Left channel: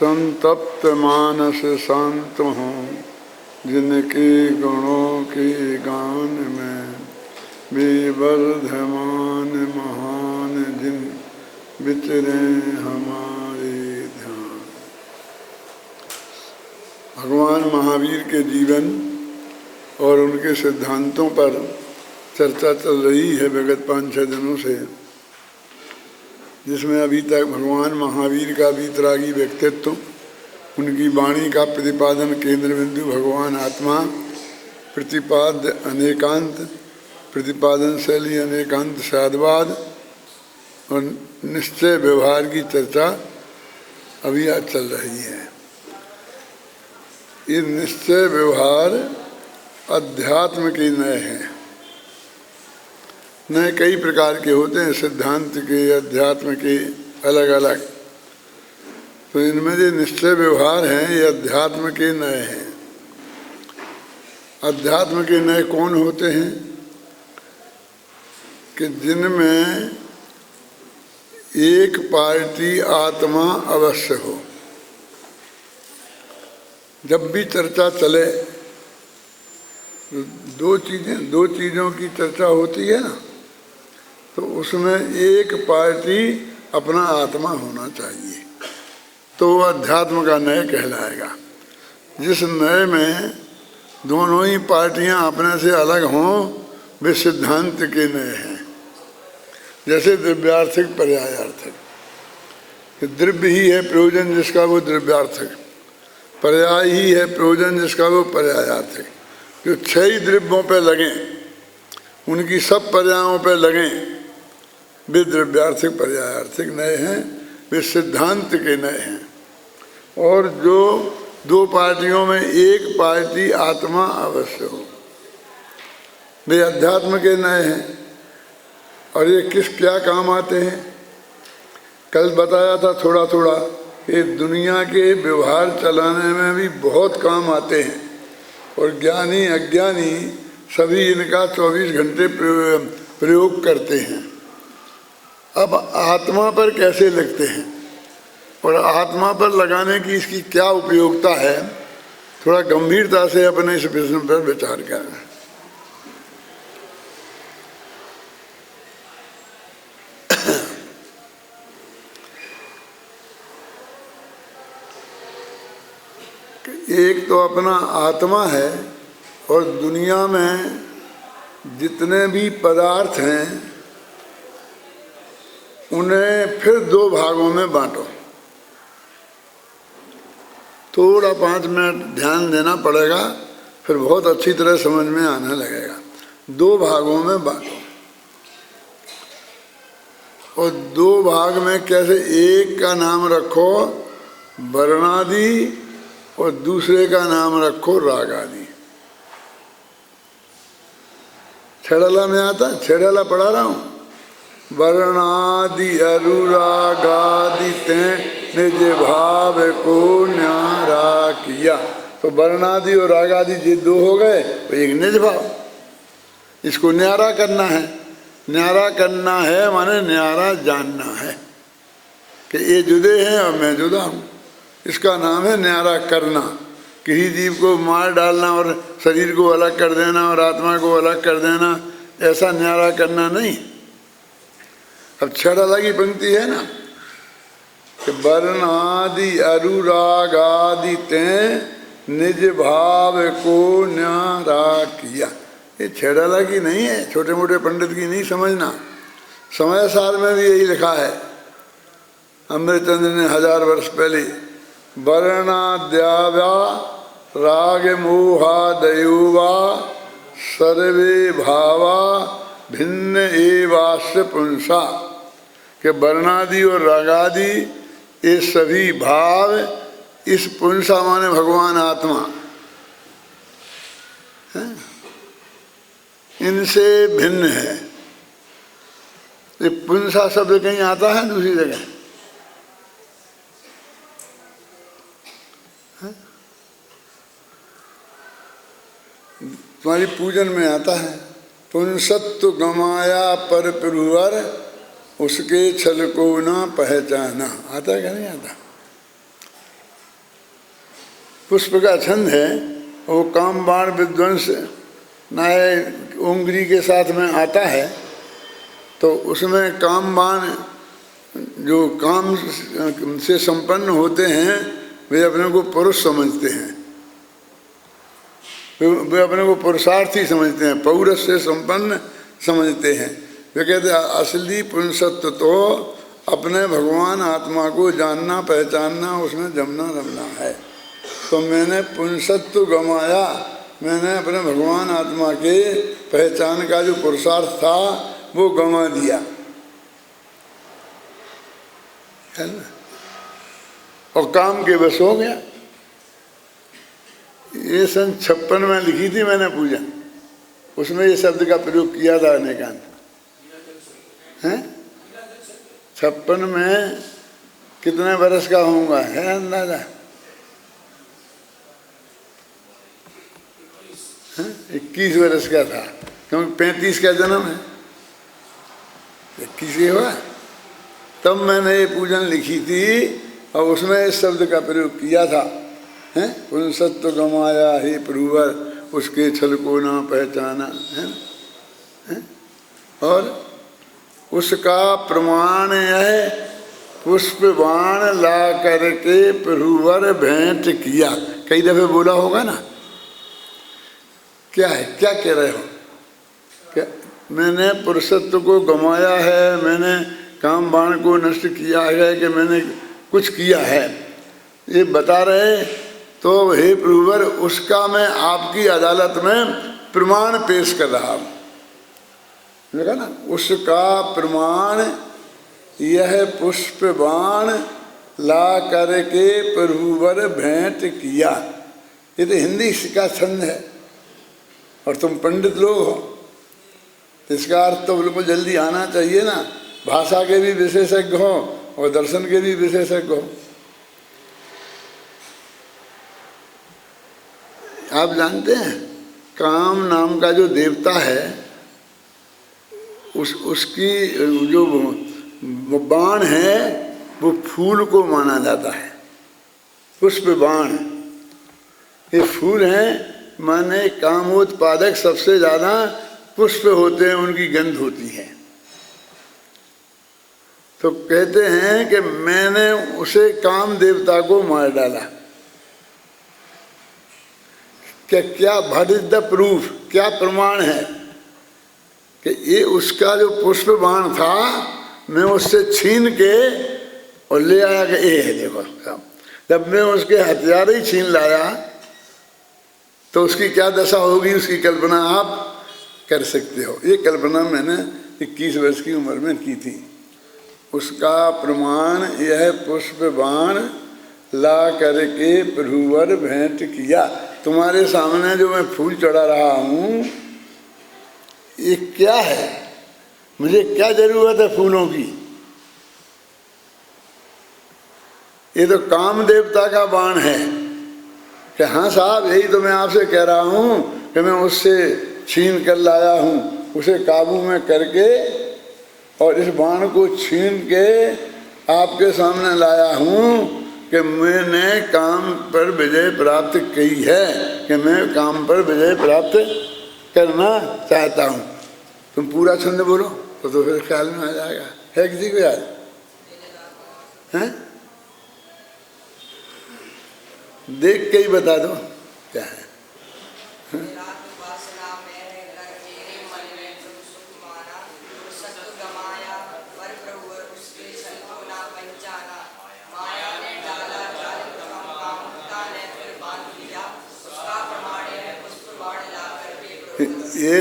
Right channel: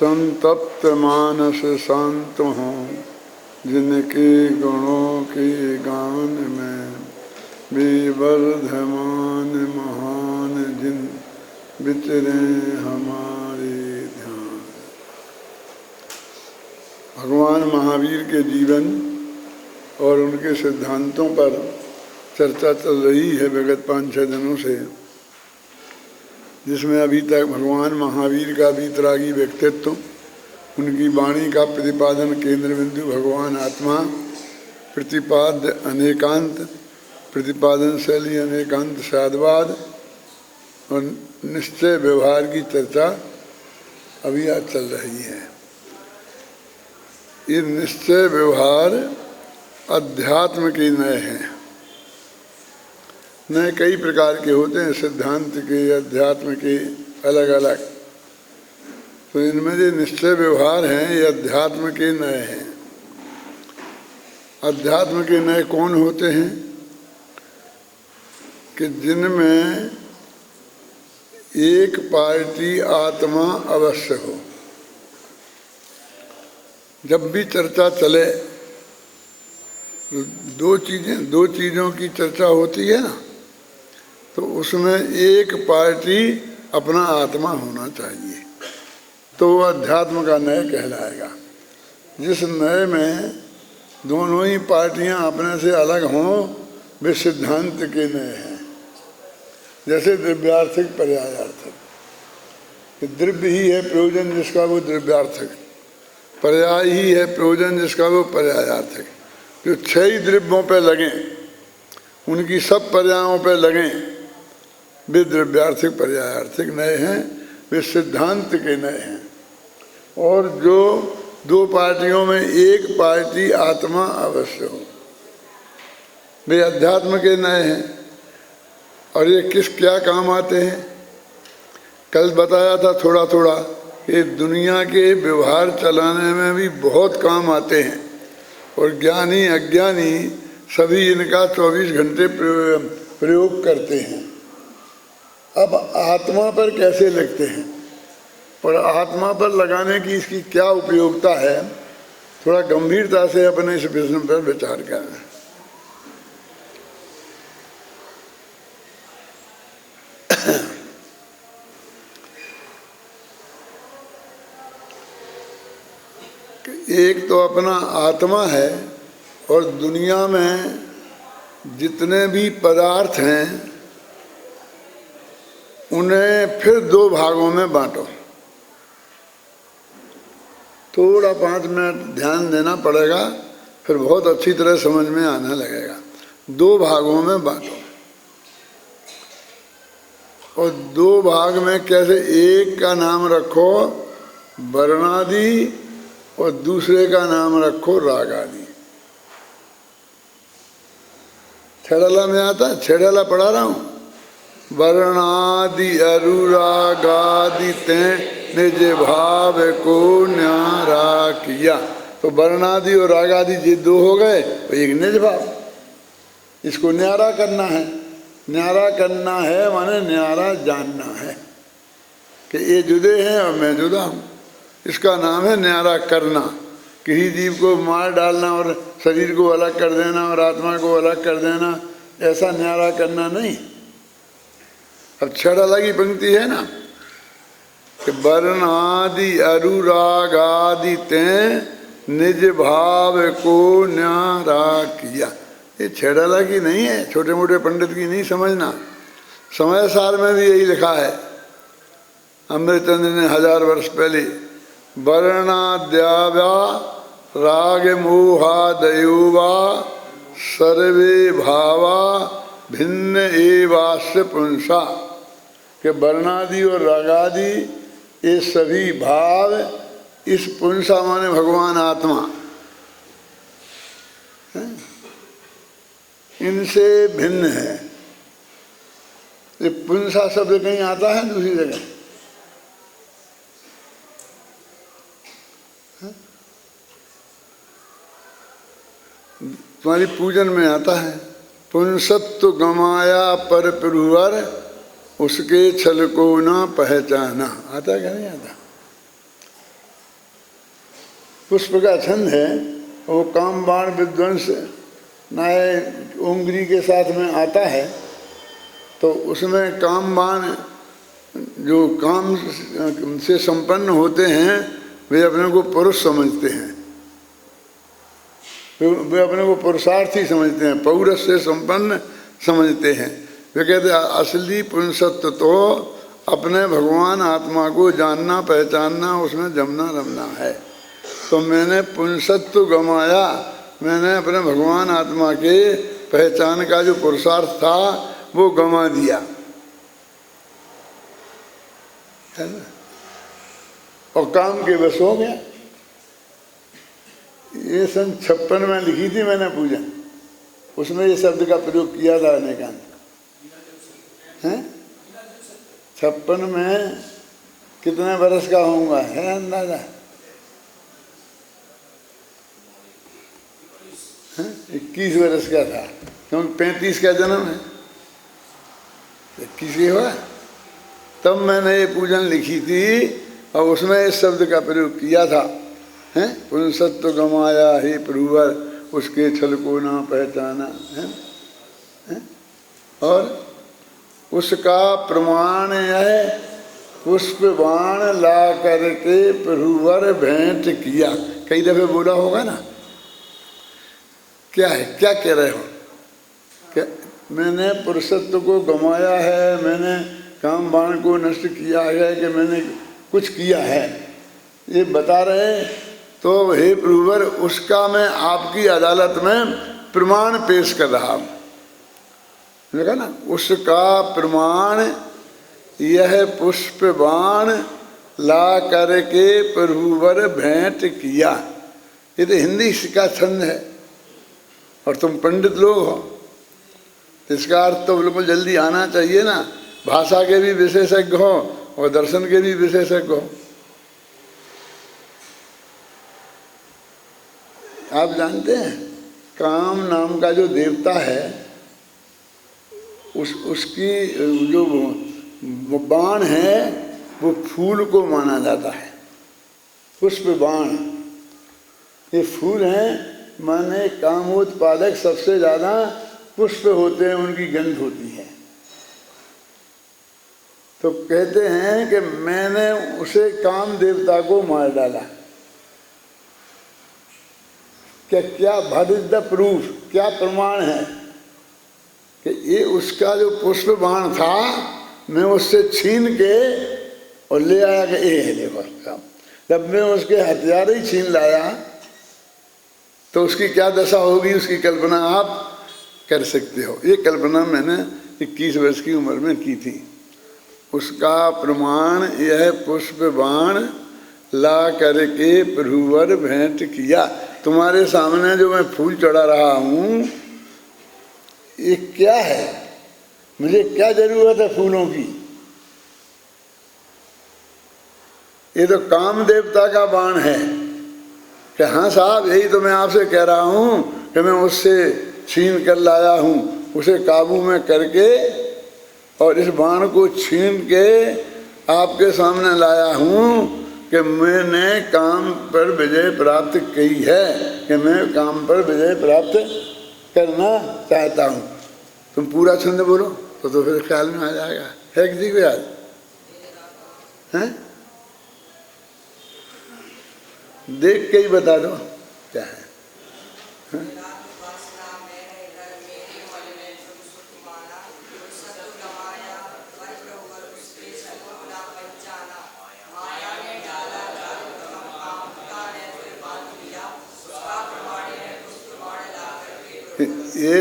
संतप्त मानस शांत हों, जिनके गुणों के गान में विवर्धमान महान जिन विचरे हमारे ध्यान। भगवान महावीर के जीवन और उनके सिद्धांतों पर चर्चा चल रही है विगत 5-6 दिनों से, जिसमें अभी तक भगवान महावीर का वीतरागी व्यक्तित्व, उनकी वाणी का प्रतिपादन केंद्र बिंदु भगवान आत्मा, प्रतिपाद्य अनेकांत, प्रतिपादन शैली अनेकांत साधवाद और निश्चय व्यवहार की चर्चा अभी आज चल रही है। ये निश्चय व्यवहार अध्यात्म के नए हैं। नए कई प्रकार के होते हैं, सिद्धांत के, अध्यात्म के, अलग अलग। तो इनमें जो निश्चय व्यवहार हैं ये अध्यात्म के नए हैं। अध्यात्म के नए कौन होते हैं? कि जिनमें एक पार्टी आत्मा अवश्य हो। जब भी चर्चा चले दो चीज़ों की चर्चा होती है ना, तो उसमें एक पार्टी अपना आत्मा होना चाहिए, तो वह अध्यात्म का नय कहलाएगा। जिस नय में दोनों ही पार्टियां अपने से अलग हों, वे सिद्धांत के नय हैं। जैसे द्रव्यार्थक पर्यायार्थक, द्रव्य ही है प्रयोजन जिसका वो द्रव्यार्थक, पर्याय ही है प्रयोजन जिसका वो पर्यायार्थक। जो 6 द्रव्यों पे लगें, उनकी सब पर्यायों पे लगें, वे द्रव्यार्थक पर्यायार्थक नए हैं, वे सिद्धांत के नए हैं। और जो 2 पार्टियों में एक पार्टी आत्मा अवश्य हो, वे अध्यात्म के नए हैं। और ये क्या काम आते हैं? कल बताया था थोड़ा थोड़ा कि दुनिया के व्यवहार चलाने में भी बहुत काम आते हैं, और ज्ञानी अज्ञानी सभी इनका 24 घंटे प्रयोग करते हैं। अब आत्मा पर कैसे लगते हैं और आत्मा पर लगाने की इसकी क्या उपयोगिता है, थोड़ा गंभीरता से अपने इस प्रश्न पर विचार करें। एक तो अपना आत्मा है, और दुनिया में जितने भी पदार्थ हैं उन्हें फिर 2 भागों में बांटो। थोड़ा 5 मिनट ध्यान देना पड़ेगा, फिर बहुत अच्छी तरह समझ में आने लगेगा। 2 भागों में बांटो, और 2 भाग में कैसे? एक का नाम रखो वर्णादि और दूसरे का नाम रखो राग आदि। छेड़ला में आता, छेड़ला पढ़ा रहा हूँ। वर्णादि अनुरागादि ते निज भाव को न्यारा किया। तो वर्णादि और रागादि ये 2 हो गए, तो एक निज भाव, इसको न्यारा करना है। न्यारा करना है माने न्यारा जानना है कि ये जुदे हैं और मैं जुदा हूँ। इसका नाम है न्यारा करना। किसी जीव को मार डालना और शरीर को अलग कर देना और आत्मा को अलग कर देना, ऐसा न्यारा करना नहीं। अब 6 अलग ही पंक्ति है ना कि वर्णादि अनुरागादि ते निज भाव को न्यारा किया। ये 6 अलग ही नहीं है, छोटे मोटे पंडित की नहीं समझना। समय सार में भी यही लिखा है। अमृतचंद्र ने 1000 वर्ष पहले वर्णाद्याव्या राग मोहादयोवा सर्वे भावा भिन्न एवास्य पुंसा, कि वर्णादि और रागादि ये सभी भाव इस पुंसा माने भगवान आत्मा है, इनसे भिन्न है। ये पुंसा शब्द कहीं आता है दूसरी जगह? तुम्हारी पूजन में आता है, पुंसत्व गमाया पर पुरवर उसके छल को ना पहचाना। आता है क्या नहीं आता? पुष्प का छंद है, वो काम बाण विध्वंस नाय उंगली के साथ में आता है। तो उसमें काम बाण जो काम से संपन्न होते हैं वे अपने को पुरुष समझते हैं, वे अपने को पुरुषार्थी समझते हैं, पौरुष से संपन्न समझते हैं। वे कहते हैं असली पुंसत्व तो अपने भगवान आत्मा को जानना पहचानना, उसमें जमना रमना है। तो मैंने पुंसत्व गमाया, मैंने अपने भगवान आत्मा के पहचान का जो पुरुषार्थ था वो गमा दिया, है ना, और काम के बस हो गया। ये सन 56 में लिखी थी मैंने पूजन, उसमें ये शब्द का प्रयोग किया था अनेकांत हैं। 56 में कितने वर्ष का होऊंगा, है अंदाजा? 21 वर्ष का था, क्योंकि 35 का जन्म है, 21 हुआ तब मैंने ये पूजन लिखी थी और उसमें इस शब्द का प्रयोग किया था, हैं, पुंसत्व गमाया ही प्रभुवर, उसके छल को ना पहचाना, है? और उसका प्रमाण है पुष्प बाण ला करके प्रभुवर भेंट किया। कई दफे बोला होगा ना, क्या है, क्या कह रहे हो? क्या मैंने पुरुषत्व को गमाया है, मैंने काम बाण को नष्ट किया है, कि मैंने कुछ किया है, ये बता रहे। तो हे प्रभुवर, उसका मैं आपकी अदालत में प्रमाण पेश कर रहा हूँ। देखा ना, उसका प्रमाण यह पुष्प बाण ला करके प्रभुवर भेंट किया। ये तो हिंदी का छंद है और तुम पंडित लोग हो, इसका अर्थ तो बिल्कुल जल्दी आना चाहिए ना। भाषा के भी विशेषज्ञ हो और दर्शन के भी विशेषज्ञ हो। आप जानते हैं काम नाम का जो देवता है, उसकी जो बाण है वो फूल को माना जाता है। पुष्प बाण ये फूल हैं, माने कामोत्पादक सबसे ज्यादा पुष्प होते हैं, उनकी गंध होती है। तो कहते हैं कि मैंने उसे काम देवता को मार डाला। क्या व्हाट इज द प्रूफ, क्या प्रमाण है कि ये उसका जो पुष्प बाण था मैं उससे छीन के और ले आया कि ये है देखो काम। जब मैं उसके हथियार ही छीन लाया तो उसकी क्या दशा होगी, उसकी कल्पना आप कर सकते हो। ये कल्पना मैंने 21 वर्ष की उम्र में की थी। उसका प्रमाण यह पुष्प बाण ला करके प्रभुवर भेंट किया। तुम्हारे सामने जो मैं फूल चढ़ा रहा हूँ ये क्या है, मुझे क्या जरूरत है फूलों की? ये तो काम देवता का बाण है कि हाँ साहब, यही तो मैं आपसे कह रहा हूँ कि मैं उससे छीन कर लाया हूँ, उसे काबू में करके और इस बाण को छीन के आपके सामने लाया हूँ कि मैंने काम पर विजय प्राप्त की है, कि मैं काम पर विजय प्राप्त करना चाहता हूँ। तुम पूरा छंद बोलो तो फिर ख्याल में आ जाएगा। है किसी को याद? हैं? देख के ही बता दो क्या है। ये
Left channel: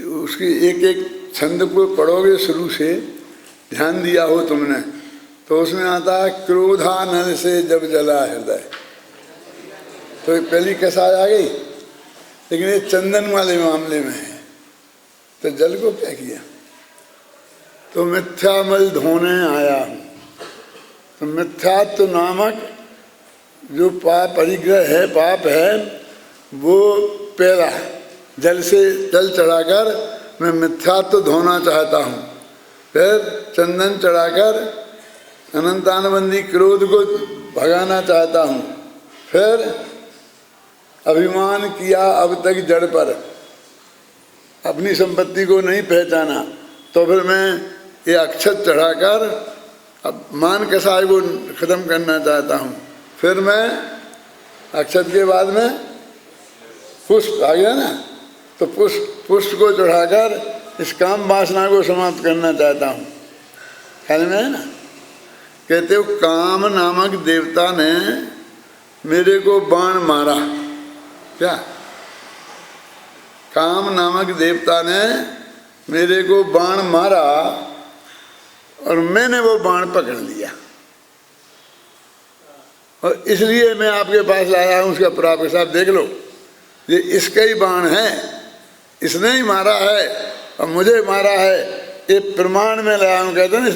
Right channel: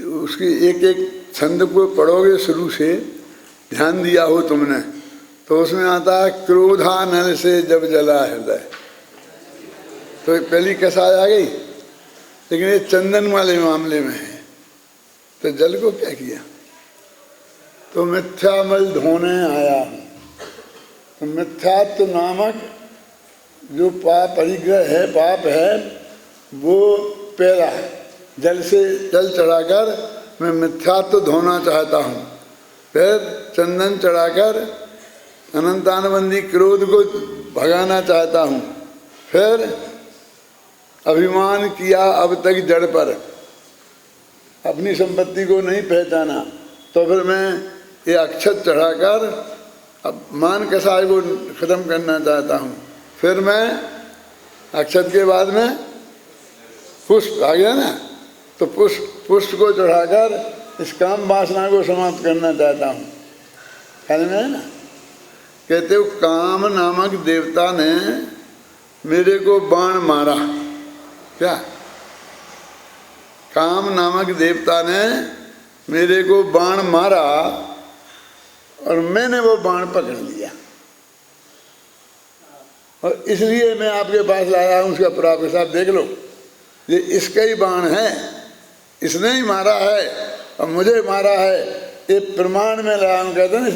उसकी एक एक छंद को पढ़ोगे शुरू से, ध्यान दिया हो तुमने तो उसमें आता है क्रोधानल से जब जला हृदय। तो पहली कसाय आ गई, लेकिन ये चंदन वाले मामले में है। तो जल को क्या किया? तो मिथ्यामल धोने आया हूँ। तो मिथ्यात्व नामक जो पाप परिग्रह है, पाप है, वो पहला जल से जल चढ़ाकर मैं मिथ्यात्व धोना चाहता हूँ। फिर चंदन चढ़ाकर अनंतानबंदी क्रोध को भगाना चाहता हूँ। फिर अभिमान किया अब तक जड़ पर, अपनी संपत्ति को नहीं पहचाना, तो फिर मैं ये अक्षत चढ़ाकर अब मान कसाय को खत्म करना चाहता हूँ। फिर मैं अक्षत के बाद में पुष्प आ गया ना, तो पुष्प को चढ़ाकर इस काम वासना को समाप्त करना चाहता हूँ। ख्याल में है ना? कहते हो काम नामक देवता ने मेरे को बाण मारा। क्या? काम नामक देवता ने मेरे को बाण मारा और मैंने वो बाण पकड़ लिया, और इसलिए मैं आपके पास लाया हूँ। उसका प्राप्त साहब देख लो, ये इसका ही बाण है, इसने ही मारा है और मुझे मारा है, ये प्रमाण में लाया हूँ। कहते हैं ना,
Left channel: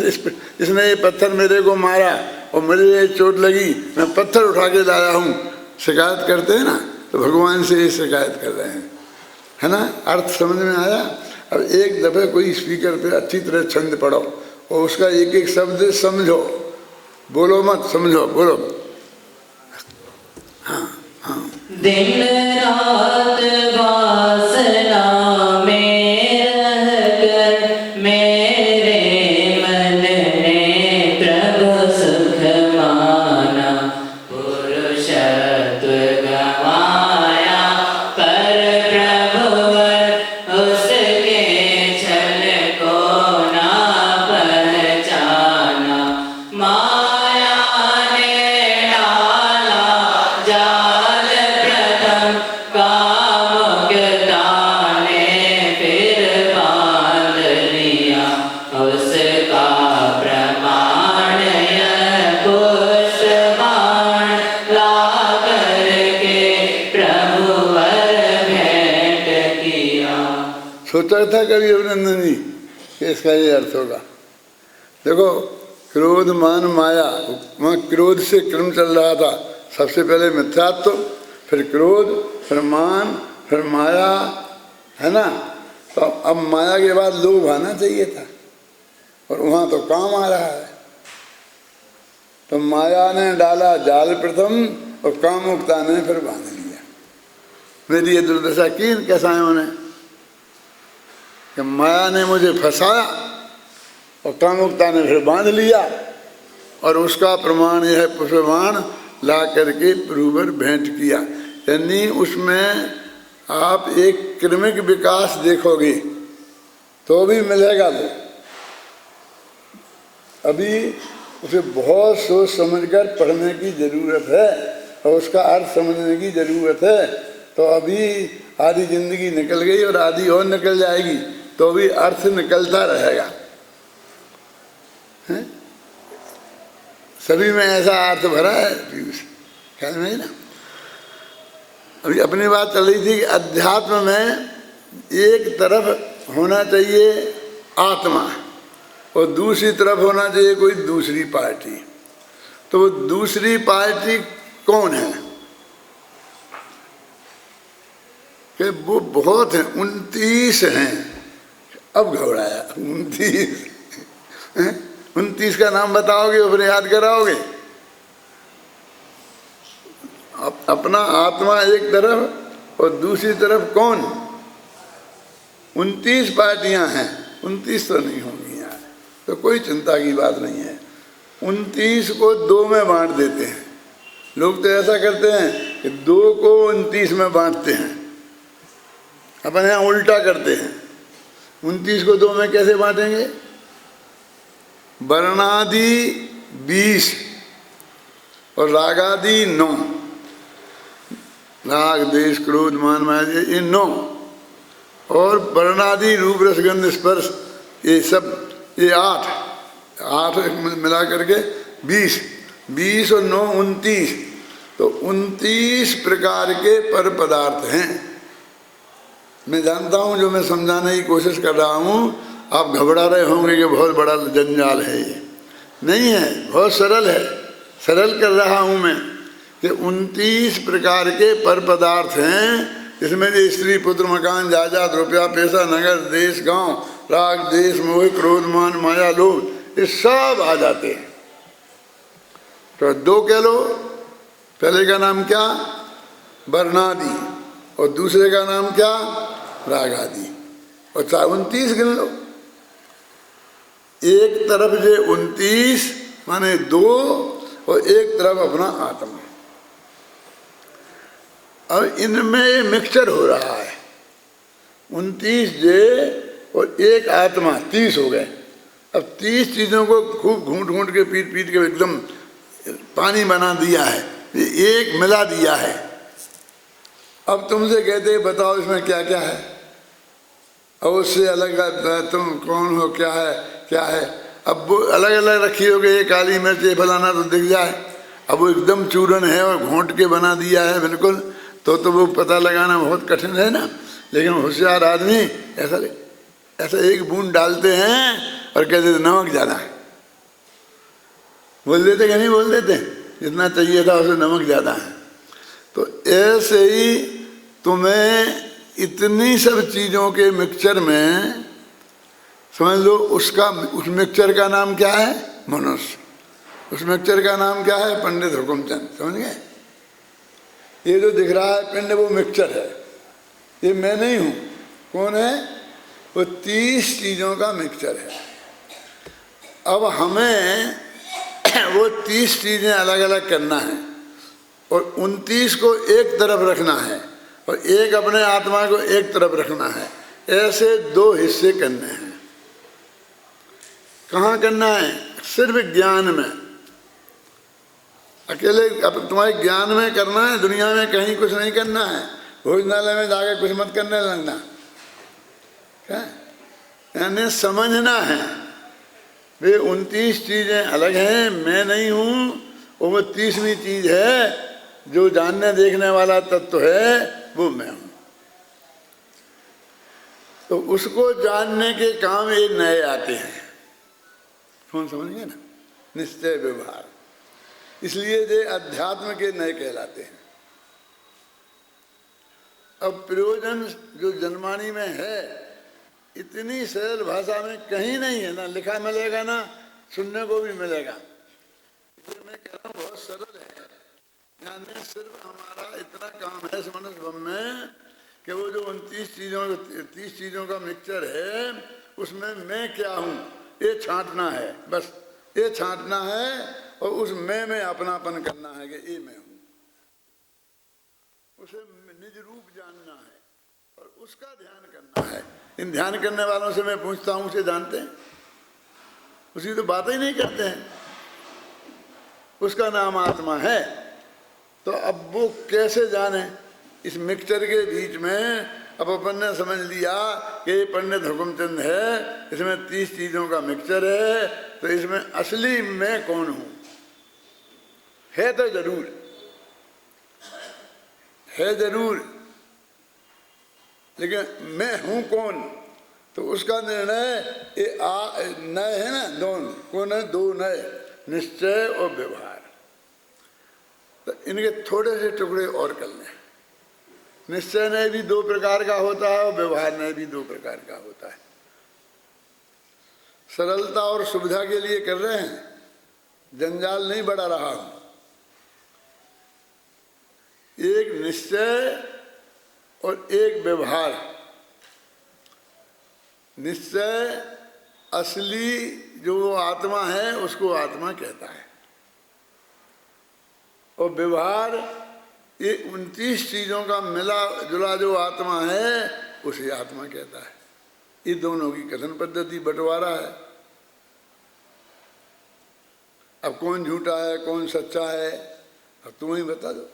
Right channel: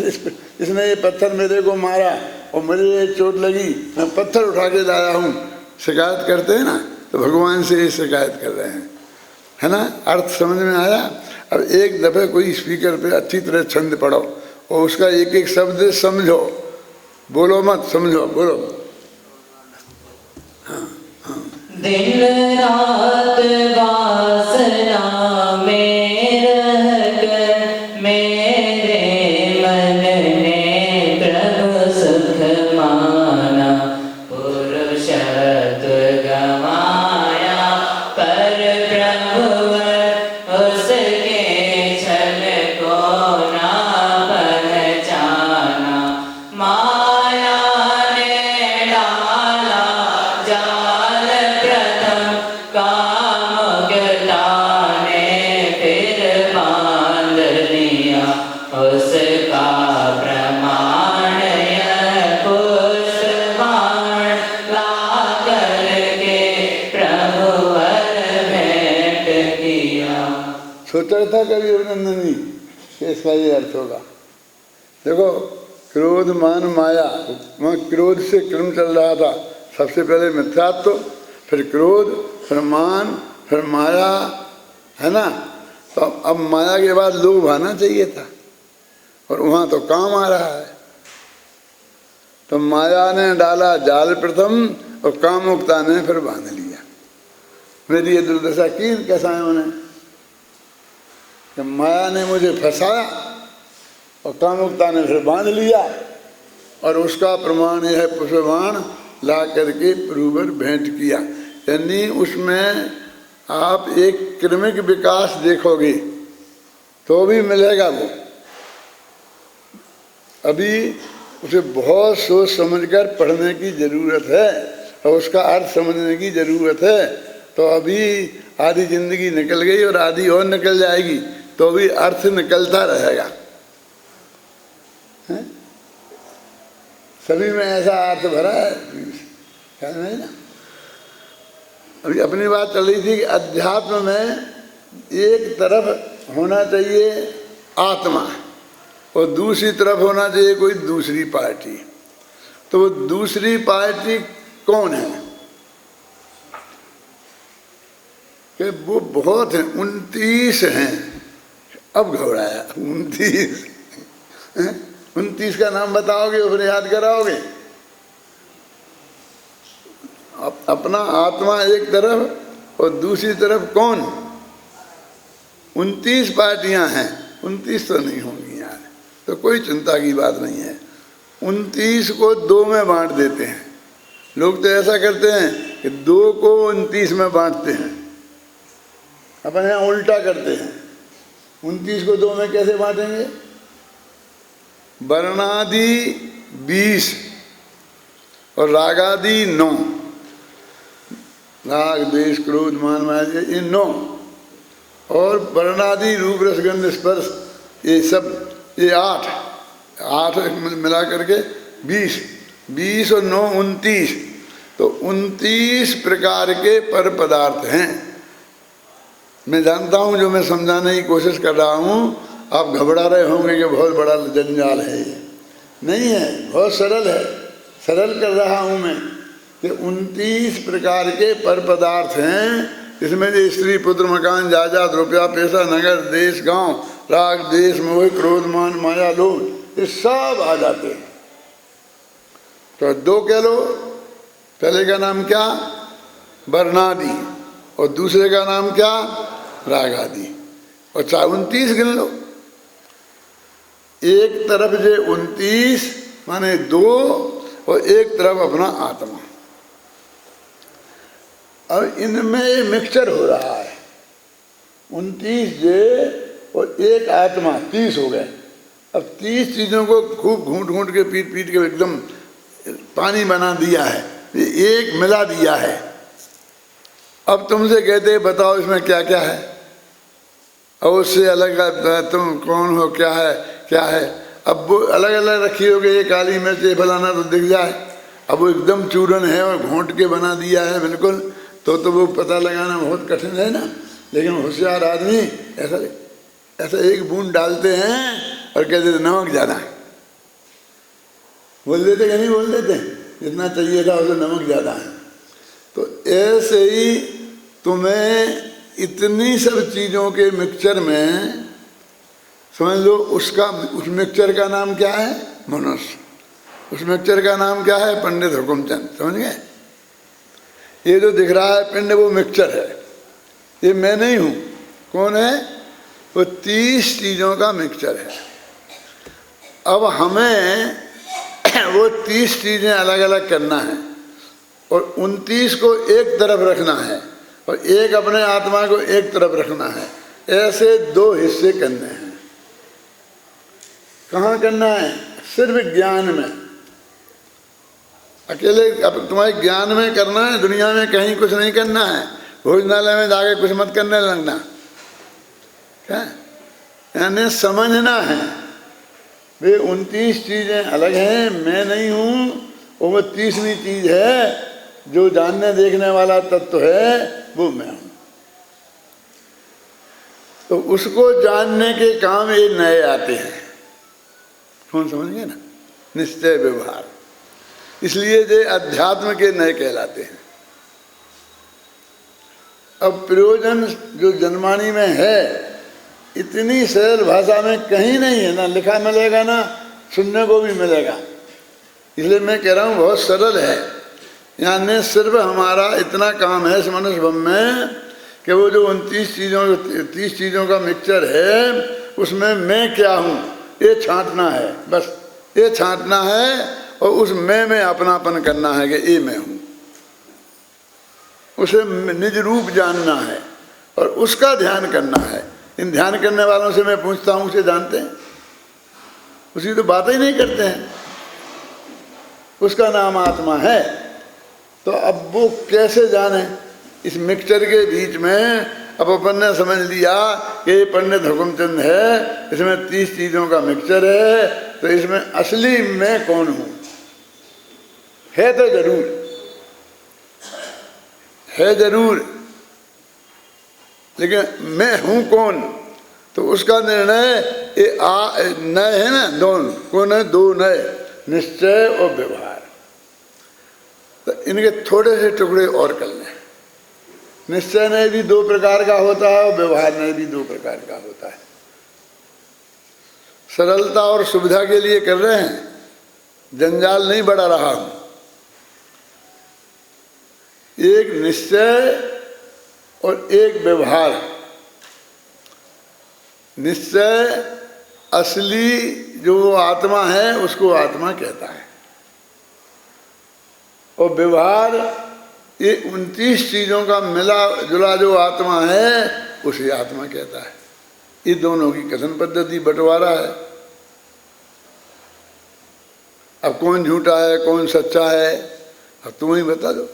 इसने ये पत्थर मेरे को मारा और मुझे ये चोट लगी, मैं पत्थर उठा के लाया हूँ। शिकायत करते हैं ना, तो भगवान से ये शिकायत कर रहे हैं, है ना? अर्थ समझ में आया? अब एक दफ़े कोई स्पीकर पे अच्छी तरह छंद पढ़ो और उसका एक एक शब्द समझो, बोलो मत, समझो, बोलो। हाँ हाँ। दिन रात वासना में रहकर मेरे मन ने प्रभु सुख माना, पुरुषत्व गवाया पर प्रभुवर उसके छल को ना पहचाना। माया ने डाला जाल प्रथम, कामुकता ने फिर बांध लिया उसका प्रमाण। यह पुष्प बाण ला करके प्रभुवर भेंट किया। सोचा था कभी अभिनंदनी कि इसका ये अर्थ होगा? देखो, क्रोध मान माया, वहाँ क्रोध से क्रम चल रहा था। सबसे पहले मिथ्यात्व, फिर क्रोध, फिर मान, फिर माया, है ना? तो अब माया के बाद लोभ आना चाहिए था, और वहाँ तो काम आ रहा है। तो माया ने डाला जाल प्रथम और कामुकता ने फिर बांध लिया। मेरी ये दुर्दशा की इन कसायों ने कि माया ने मुझे फंसाया और कामुकता ने फिर बांध लिया, और उसका प्रमाण यह है पुष्पबाण ला करके प्रभुवर भेंट किया। यानी उसमें आप एक क्रमिक विकास देखोगे तो भी मिलेगा वो। अभी उसे बहुत सोच समझकर पढ़ने की ज़रूरत है और उसका अर्थ समझने की ज़रूरत है। तो अभी आधी जिंदगी निकल गई और आधी और निकल जाएगी, तो भी अर्थ निकलता रहेगा। है? सभी में ऐसा अर्थ भरा है, ख्याल में ना? अभी अपनी बात चल रही थी कि अध्यात्म में एक तरफ होना चाहिए आत्मा और दूसरी तरफ होना चाहिए कोई दूसरी पार्टी। तो वो दूसरी पार्टी कौन है? कि वो बहुत हैं, 29 हैं। अब घबराया, 29 का नाम बताओगे और फिर याद कराओगे? अपना आत्मा एक तरफ और दूसरी तरफ कौन? 29 पार्टियां हैं, 29 तो नहीं होंगी यहाँ, तो कोई चिंता की बात नहीं है। 29 को 2 में बांट देते हैं। लोग तो ऐसा करते हैं कि 2 को 29 में बांटते हैं, अपन यहाँ उल्टा करते हैं। 29 को 2 में कैसे बांटेंगे? वर्णादि 20 और रागादि 9। राग, द्वेष, क्रोध, मान, माया, ये 9, और वर्णादि रूप, रस, गंध, स्पर्श, ये सब ये 8 मिला करके 20 और 9 29। तो 29 प्रकार के पर पदार्थ हैं। मैं जानता हूँ, जो मैं समझाने की कोशिश कर रहा हूँ, आप घबरा रहे होंगे कि बहुत बड़ा जंजाल है। ये नहीं है, बहुत सरल है। सरल कर रहा हूँ मैं कि 29 प्रकार के पर पदार्थ हैं। इसमें स्त्री, पुत्र, मकान, जायदाद, रुपया, पैसा, नगर, देश, गांव, राग, देश, मोह, क्रोध, मान, माया, लोभ, ये सब आ जाते हैं। तो 2 कह लो पहले का नाम क्या? वर्णादि, और दूसरे का नाम क्या? रागादि। और 29 गिन लो। एक तरफ जे 29 माने 2, और एक तरफ अपना आत्मा। अब इनमें ये मिक्सचर हो रहा है। 29 जे और एक आत्मा, 30 हो गए। अब 30 चीजों को खूब घूंट घूंट के पीट पीट के एकदम पानी बना दिया है, एक मिला दिया है। अब तुमसे कहते बताओ इसमें क्या क्या है, और उससे अलग तुम कौन हो, क्या है क्या है। अब वो अलग अलग रखी हो गई, ये काली मिर्च ये फलाना तो दिख जाए। अब वो एकदम चूरन है और घोंट के बना दिया है बिल्कुल, तो वो पता लगाना बहुत कठिन है ना। लेकिन होशियार आदमी ऐसा एक बूंद डालते हैं और कहते थे नमक ज़्यादा है। बोल देते कि नहीं बोल देते? जितना चाहिए था उससे नमक ज़्यादा है। तो ऐसे ही तुम्हें इतनी सब चीज़ों के मिक्सचर में समझ लो, उस मिक्सचर का नाम क्या है? मनुष्य। उस मिक्सचर का नाम क्या है? पंडित हुकुमचंद। समझ गए? ये जो दिख रहा है पिंड वो मिक्सचर है, ये मैं नहीं हूँ। कौन है? वो 30 चीज़ों का मिक्सचर है। अब हमें वो 30 चीज़ें अलग अलग करना है, और 29 को एक तरफ रखना है, और एक अपने आत्मा को एक तरफ रखना है। ऐसे 2 हिस्से करने हैं। कहाँ करना है? सिर्फ ज्ञान में। अकेले अब तुम्हारे ज्ञान में करना है, दुनिया में कहीं कुछ नहीं करना है। भोजनालय में जाके कुछ मत करने लगना। क्या? यानी समझना है वे 29 चीज़ें अलग हैं, मैं नहीं हूँ। और वो 30वीं चीज़ है जो जानने देखने वाला तत्व है, वो मैं हूँ। तो उसको जानने के काम ये नए आते हैं। कौन समझिए ना? निश्चय व्यवहार। इसलिए ये अध्यात्म के नए कहलाते हैं। अब प्रयोजन जो जनवाणी में है, इतनी सरल भाषा में कहीं नहीं है, ना लिखा मिलेगा ना सुनने को भी मिलेगा। इसलिए मैं कह रहा हूँ बहुत सरल है। यानी सिर्फ हमारा इतना काम है इस मनुष्य भव में कि वो जो 30 चीज़ों का मिक्सचर है, उसमें मैं क्या हूँ ये छांटना है। बस ये छांटना है, और उस मैं में अपनापन करना है कि ये मैं हूँ। उसे निज रूप जानना है और उसका ध्यान करना है। इन ध्यान करने वालों से मैं पूछता हूँ, उसे जानते हैं? उसकी तो बात ही नहीं करते हैं। उसका नाम आत्मा है। तो अब वो कैसे जाने? इस मिक्सचर के बीच में अब अपन ने समझ लिया कि ये पंडित हुकुमचंद है, इसमें 30 चीज़ों का मिक्सचर है, तो इसमें असली मैं कौन हूँ? है तो जरूर, लेकिन मैं हूँ कौन? तो उसका निर्णय ये नए है ना, दोनों कौन है? 2 नए, निश्चय और व्यवहार। तो इनके थोड़े से टुकड़े और कर लें। निश्चय में भी 2 प्रकार का होता है, और व्यवहार में भी 2 प्रकार का होता है। सरलता और सुविधा के लिए कर रहे हैं, जंजाल नहीं बढ़ा रहा हूं। एक निश्चय और एक व्यवहार। निश्चय असली जो आत्मा है उसको आत्मा कहता है, और व्यवहार ये 29 चीज़ों का मिला जुला जो आत्मा है उसे आत्मा कहता है। ये दोनों की कथन पद्धति बंटवारा है। अब कौन झूठा है कौन सच्चा है, अब तुम ही बता दो।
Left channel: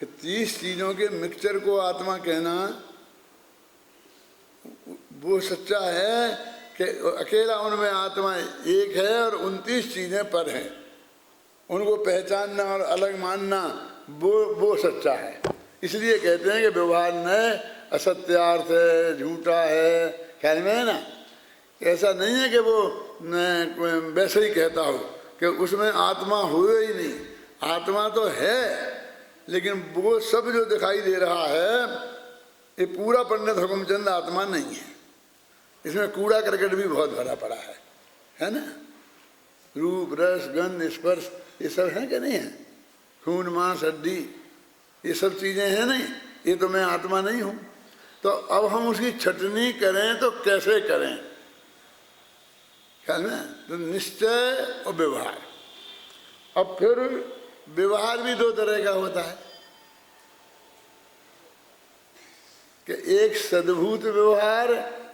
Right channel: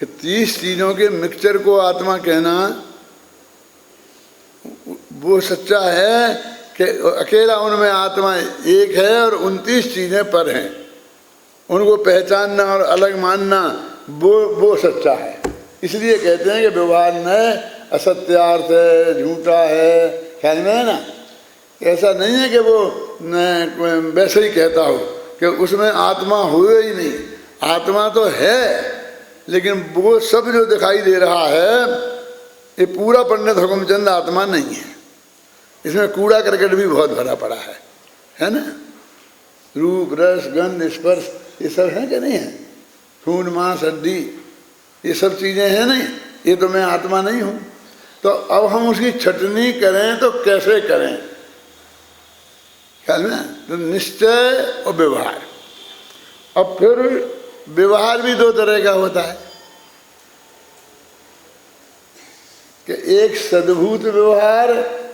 कि 30 चीज़ों के मिक्सचर को आत्मा कहना वो सच्चा है कि अकेला उनमें आत्मा एक है और 29 चीज़ें पर हैं। उनको पहचानना और अलग मानना वो सच्चा है। इसलिए कहते हैं कि व्यवहार न असत्यार्थ है, झूठा है, ख्याल में है ना। ऐसा नहीं है कि वो वैसे ही कहता हो कि उसमें आत्मा हुए ही नहीं। आत्मा तो है, लेकिन वो सब जो दिखाई दे रहा है ये पूरा पंडित हुकुमचंद आत्मा नहीं है। इसमें कूड़ा करकट भी बहुत भरा पड़ा है ना। रूप रस गंध स्पर्श ये सब है कि नहीं है? खून मांस हड्डी ये सब चीजें हैं नहीं, ये तो मैं आत्मा नहीं हूं। तो अब हम उसकी छटनी करें तो कैसे करें? ख्याल में, तो निश्चय और व्यवहार। अब फिर व्यवहार भी दो तरह का होता है कि एक सद्भूत व्यवहार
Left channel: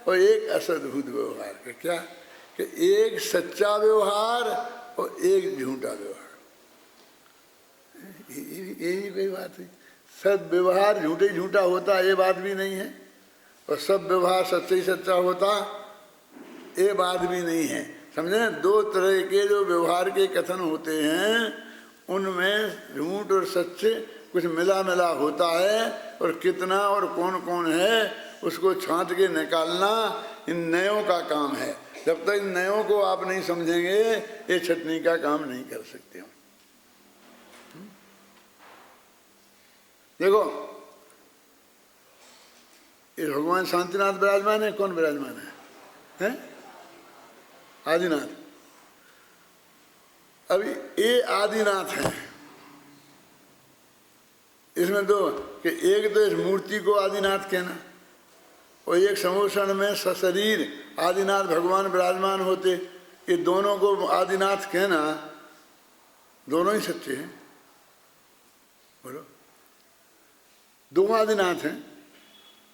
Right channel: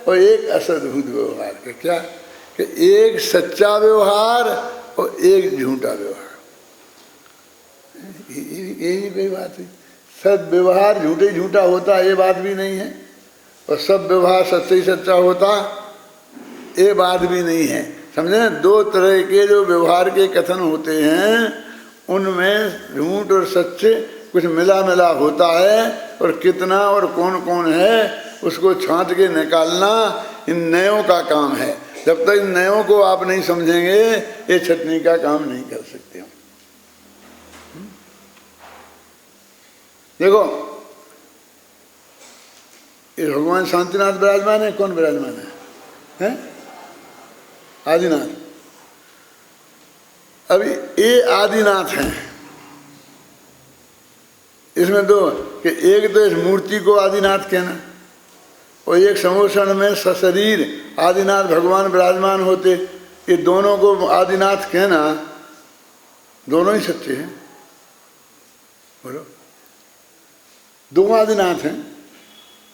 और एक असद्भूत व्यवहार। क्या कि एक सच्चा व्यवहार और एक झूठा व्यवहार। यही कोई बात है। सब व्यवहार झूठे झूठा होता ये बात भी नहीं है, और सब व्यवहार सच्चे ही सच्चा होता ये बात भी नहीं है। समझे? दो तरह के जो व्यवहार के कथन होते हैं उनमें झूठ और सच्चे कुछ मिला मिला होता है, और कितना और कौन कौन है उसको छांट के निकालना इन नयों का काम है। जब तक इन नयों को आप नहीं समझेंगे ये छटनी का काम नहीं कर सकते। देखो ये भगवान शांतिनाथ विराजमान है। कौन विराजमान है? आदिनाथ। अभी ये आदिनाथ है। इसमें दो कि एक तो इस मूर्ति को आदिनाथ कहना, और एक समोषण में सशरीर आदिनाथ भगवान विराजमान होते, ये दोनों को आदिनाथ कहना, दोनों ही सच्चे हैं। बोलो, दो आदिनाथ हैं।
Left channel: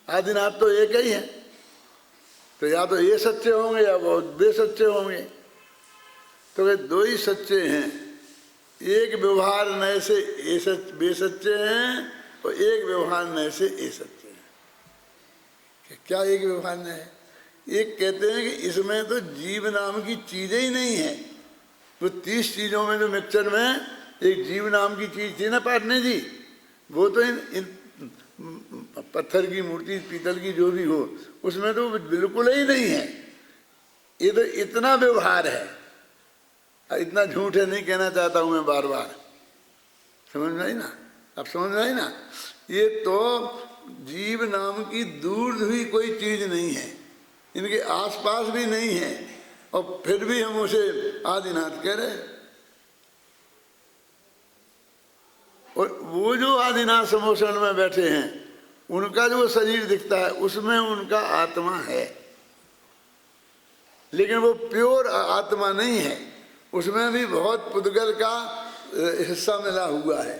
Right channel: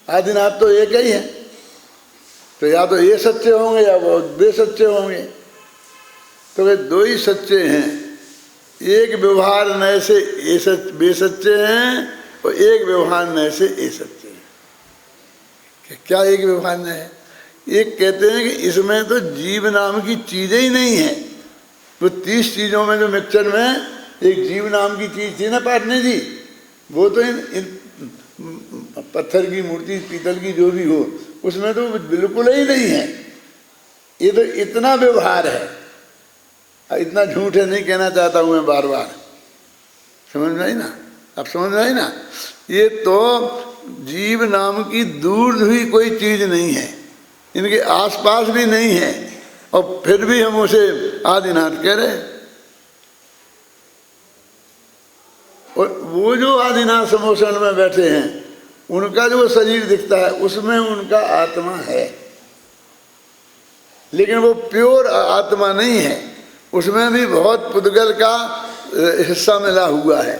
आदिनाथ तो एक ही है, तो या तो ये सच्चे होंगे या वो वे सच्चे होंगे। तो वे दो ही सच्चे हैं। एक व्यवहार नए से ये वे सच्चे हैं, और एक व्यवहार नए से ये सच्चे हैं। क्या एक व्यवहार नए है? एक कहते हैं कि इसमें तो जीव नाम की चीजें ही नहीं है। तो 30 चीजों में जो मिक्सचर में एक जीव नाम की चीज थी ना पाटने जी, वो तो इन पत्थर की मूर्ति पीतल की जो भी हो उसमें तो बिल्कुल ही नहीं है। ये तो इतना व्यवहार है, इतना झूठ है नहीं कहना चाहता हूं मैं बार बार। समझ में आई ना? अब समझ में आई ना? ये तो जीव नाम की दूर हुई कोई चीज नहीं है, इनके आसपास भी नहीं है, और फिर भी हम उसे आदिनाथ कह रहे। और वो जो आदिनाथ समोषण में बैठे हैं उनका जो शरीर दिखता है उसमें उनका आत्मा है, लेकिन वो प्योर आत्मा नहीं है। उसमें भी बहुत पुद्गल का हिस्सा मिला हुआ है।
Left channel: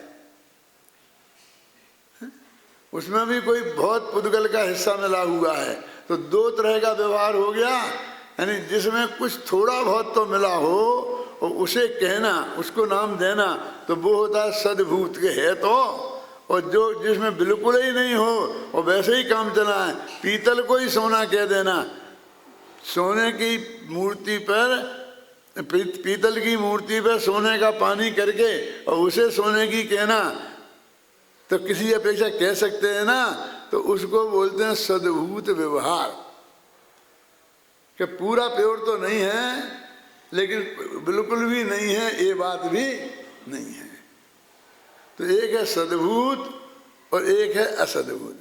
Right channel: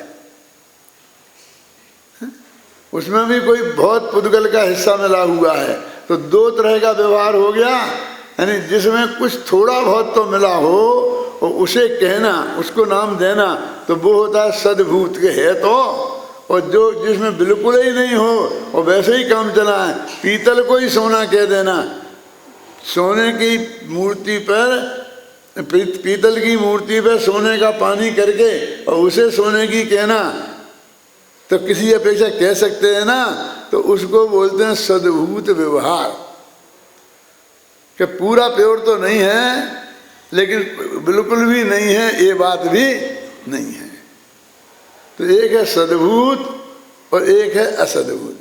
उसमें भी कोई बहुत पुद्गल का हिस्सा मिला हुआ है। तो दो तरह का व्यवहार हो गया, यानी जिसमें कुछ थोड़ा बहुत तो मिला हो और उसे कहना, उसको नाम देना, तो वो होता है सद्भूत के है। तो और जो जिसमें बिल्कुल ही नहीं हो और वैसे ही काम चला है, पीतल को ही सोना कह देना, सोने की मूर्ति पर पीतल की मूर्ति पर सोने का पानी करके और उसे सोने की कहना, तो किसी अपेक्षा कह सकते हैं ना, तो उसको बोलते हैं सद्भूत व्यवहार। कि पूरा प्योर तो नहीं है लेकिन बिल्कुल भी नहीं है ये बात भी नहीं है। तो एक है सद्भूत और एक है असद्भूत।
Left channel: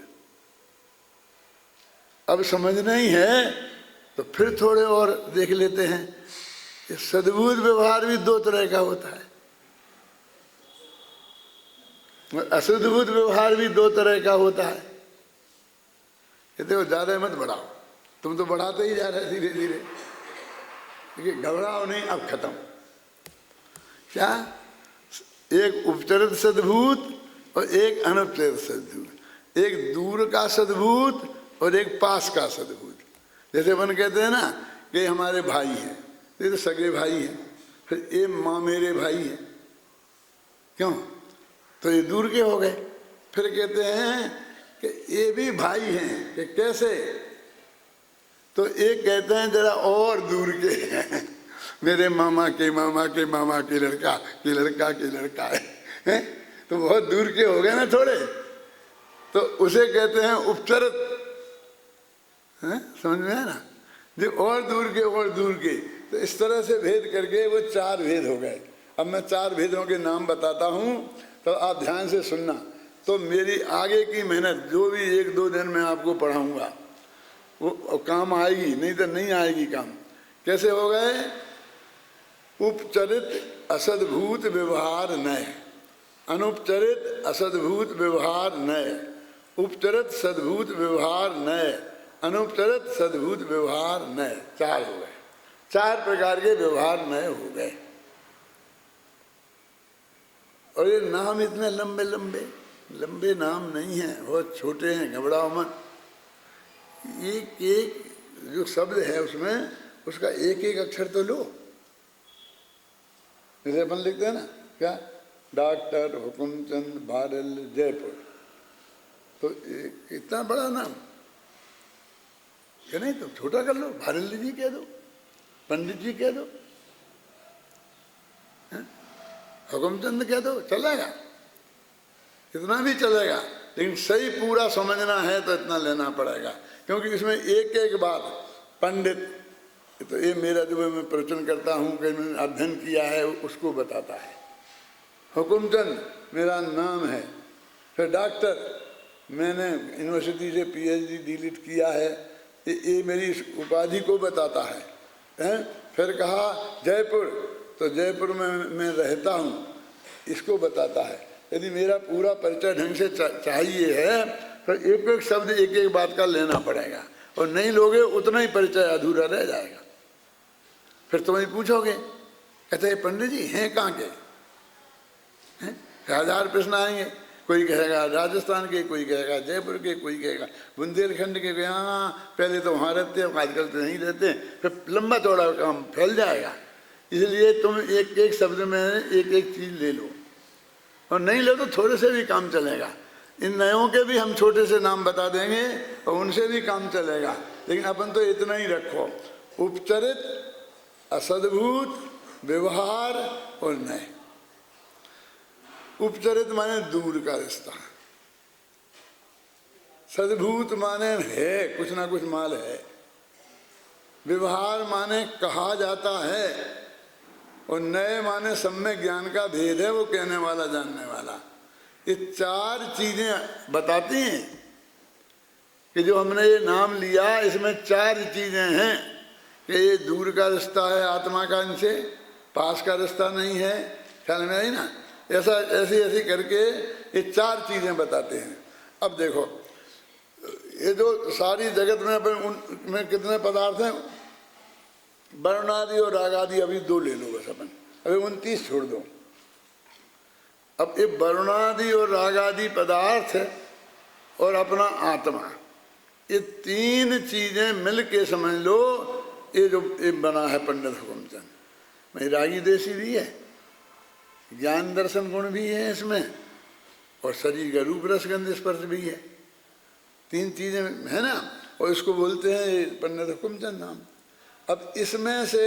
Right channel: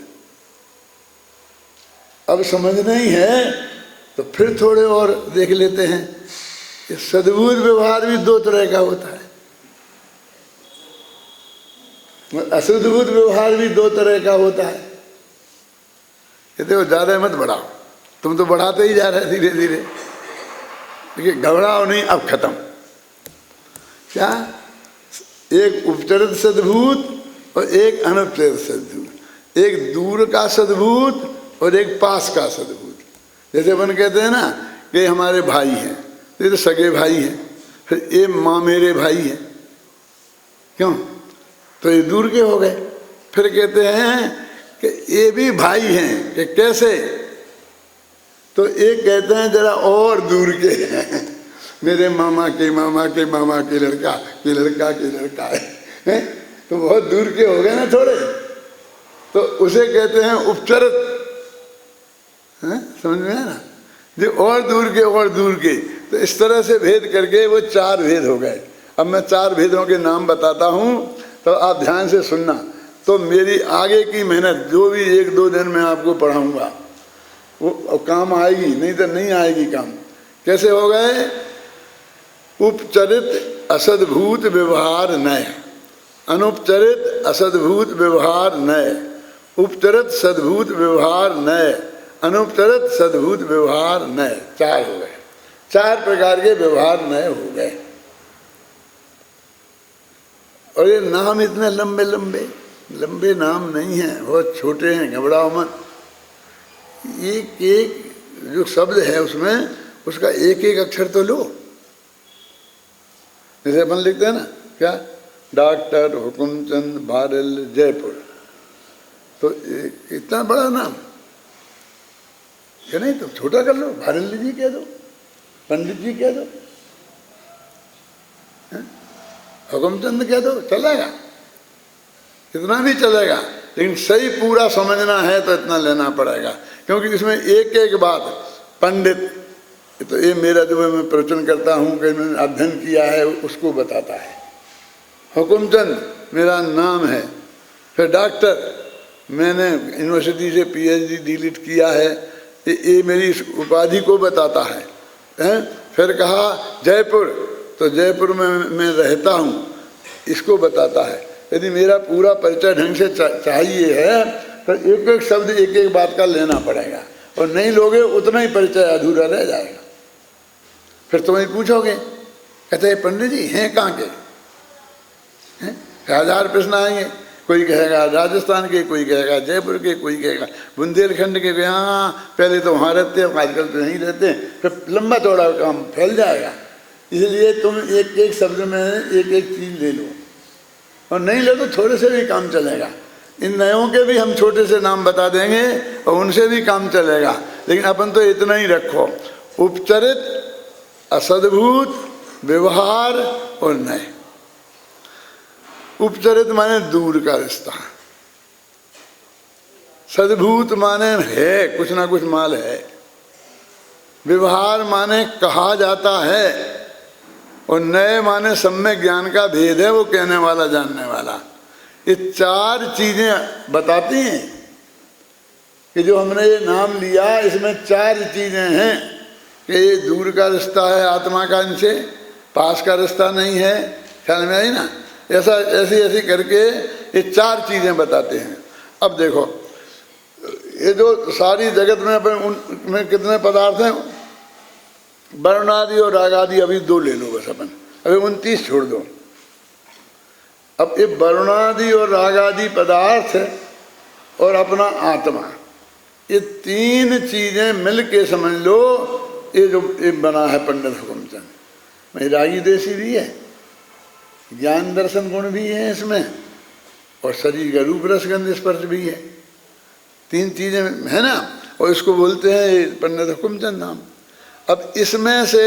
अब समझना ही है तो फिर थोड़े और देख लेते हैं। ये सद्भूत व्यवहार भी दो तरह का होता है, असद्भूत व्यवहार भी दो तरह का होता है। ये देखो ज्यादा मत बढ़ाओ, तुम तो बढ़ाते ही जा रहे धीरे धीरे। देखिए घबराओ नहीं, अब खत्म। क्या? एक उपचरित सद्भूत और एक अनुपचरित सद्भूत, एक दूर का सद्भूत और एक पास का सद्भूत। जैसे अपन कहते हैं ना कि हमारे भाई हैं, ये तो सगे भाई हैं, फिर ये माँ मेरे भाई हैं, क्यों? तो ये दूर के हो गए। फिर कहते हैं कि ये भी भाई हैं, कि कैसे? तो एक कहते हैं जरा और दूर के हैं, मेरे मामा के मामा के मामा के लड़का के लड़का के लड़का है, तो बहुत दूर के हो गए ना थोड़े, तो उसे कहते हैं उपचरित। समझ में है ना? जो और दूर के, तो इस तरह से भेद करके वो चार भेद हो गए। अब मैं चार भेदों के नाम बताता हूँ, तो आप ध्यान से सुनना। तो मेरी आगे की मेहनत जो भी 1-2 दिन में आपको पढ़ाऊंगा वो काम आएगी, नहीं तो नहीं आएगी काम। कैसे हो गए? उपचरित असद्भूत व्यवहार नय, अनुपचरित असद्भूत व्यवहार नय, उपचरित सद्भूत व्यवहार नय, अनुपचरित सद्भूत व्यवहार नय। 4 हो गए, 4 प्रकार के व्यवहार नए हो गए। और ये नाम इतने लंबे लंबे लंबे नाम नहीं हैं, बहुत छोटे हैं, घबराओ मत। एक एक जो शब्द है उसमें उसका एक एक अक्षर तो लो। जैसे अपन लिखते हैं ना, क्या, डॉक्टर हुकुमचंद भारल जयपुर, तो इतना बड़ा नाम क्या, नहीं तो छोटा कर लो, भारल जी कह दो, पंडित जी कह दो, हुकुमचंद कह दो, चलेगा, इतना नहीं चलेगा। लेकिन सही पूरा समझना है तो इतना लेना पड़ेगा, क्योंकि इसमें एक एक बात, पंडित तो ये मेरा जो मैं प्रवचन करता हूँ, कहीं मैंने अध्ययन किया है उसको बताता है। हुकुमचंद मेरा नाम है। फिर डॉक्टर, मैंने यूनिवर्सिटी से PhD डीलिट किया है, ये मेरी इस उपाधि को बताता है। फिर कहा जयपुर, तो जयपुर में मैं रहता हूँ, इसको बताता है। यदि मेरा पूरा परिचय ढंग से चाहिए है तो एक एक शब्द एक एक बात का लेना पड़ेगा, और नहीं लोगे उतना ही परिचय अधूरा रह जाएगा। फिर तुम्हें पूछोगे, कहते हैं पंडित जी हैं कहाँ के, 1000 प्रश्न आएंगे। कोई कहेगा राजस्थान के, कोई कहेगा जयपुर के, कोई कहेगा बुंदेलखंड के। हाँ, पहले तो वहाँ रहते हैं, आजकल तो नहीं रहते। फिर लंबा चौड़ा काम फैल जाएगा। इसलिए तुम एक एक शब्द में एक एक चीज़ ले लो, और नहीं लो तो थोड़े से भी काम चलेगा। इन नयों के भी हम छोटे से नाम बता देंगे और उनसे भी काम चलेगा, लेकिन अपन तो इतना ही रखो, उपचरित असद्भूत व्यवहार और नए। उपचरित माने दूर का रिश्ता, सद्भूत माने है कुछ ना कुछ माल है, व्यवहार माने कहा जाता है, और नए माने सम्यक ज्ञान का भेद है, वो कहने वाला जानने वाला। ये 4 चीजें बताती हैं कि जो हमने ये नाम लिया इसमें 4 चीजें हैं कि ये दूर का रिश्ता है आत्मा का, इनसे पास का रिश्ता नहीं है। ख्याल में आई ना? ऐसा ऐसी ऐसी करके ये 4 चीजें बताते हैं। अब देखो, ये जो सारी जगत में अपन उनमें कितने पदार्थ हैं, वर्णादि और रागादि अभी 2 ले लो बस अपन, अभी 29 छोड़ दो। अब ये वर्णादि और रागादि पदार्थ और अपना आत्मा, ये 3 चीजें मिल के समझ लो ये जो ये बना है पंडित हुकुमचंद। मैं रागी देशी भी है, ज्ञान दर्शन गुण भी है इसमें, और शरीर का रूप रसगंध स्पर्श भी है। 3 चीजें है ना, और इसको बोलते हैं पंडित हुकुमचंद नाम। अब इसमें से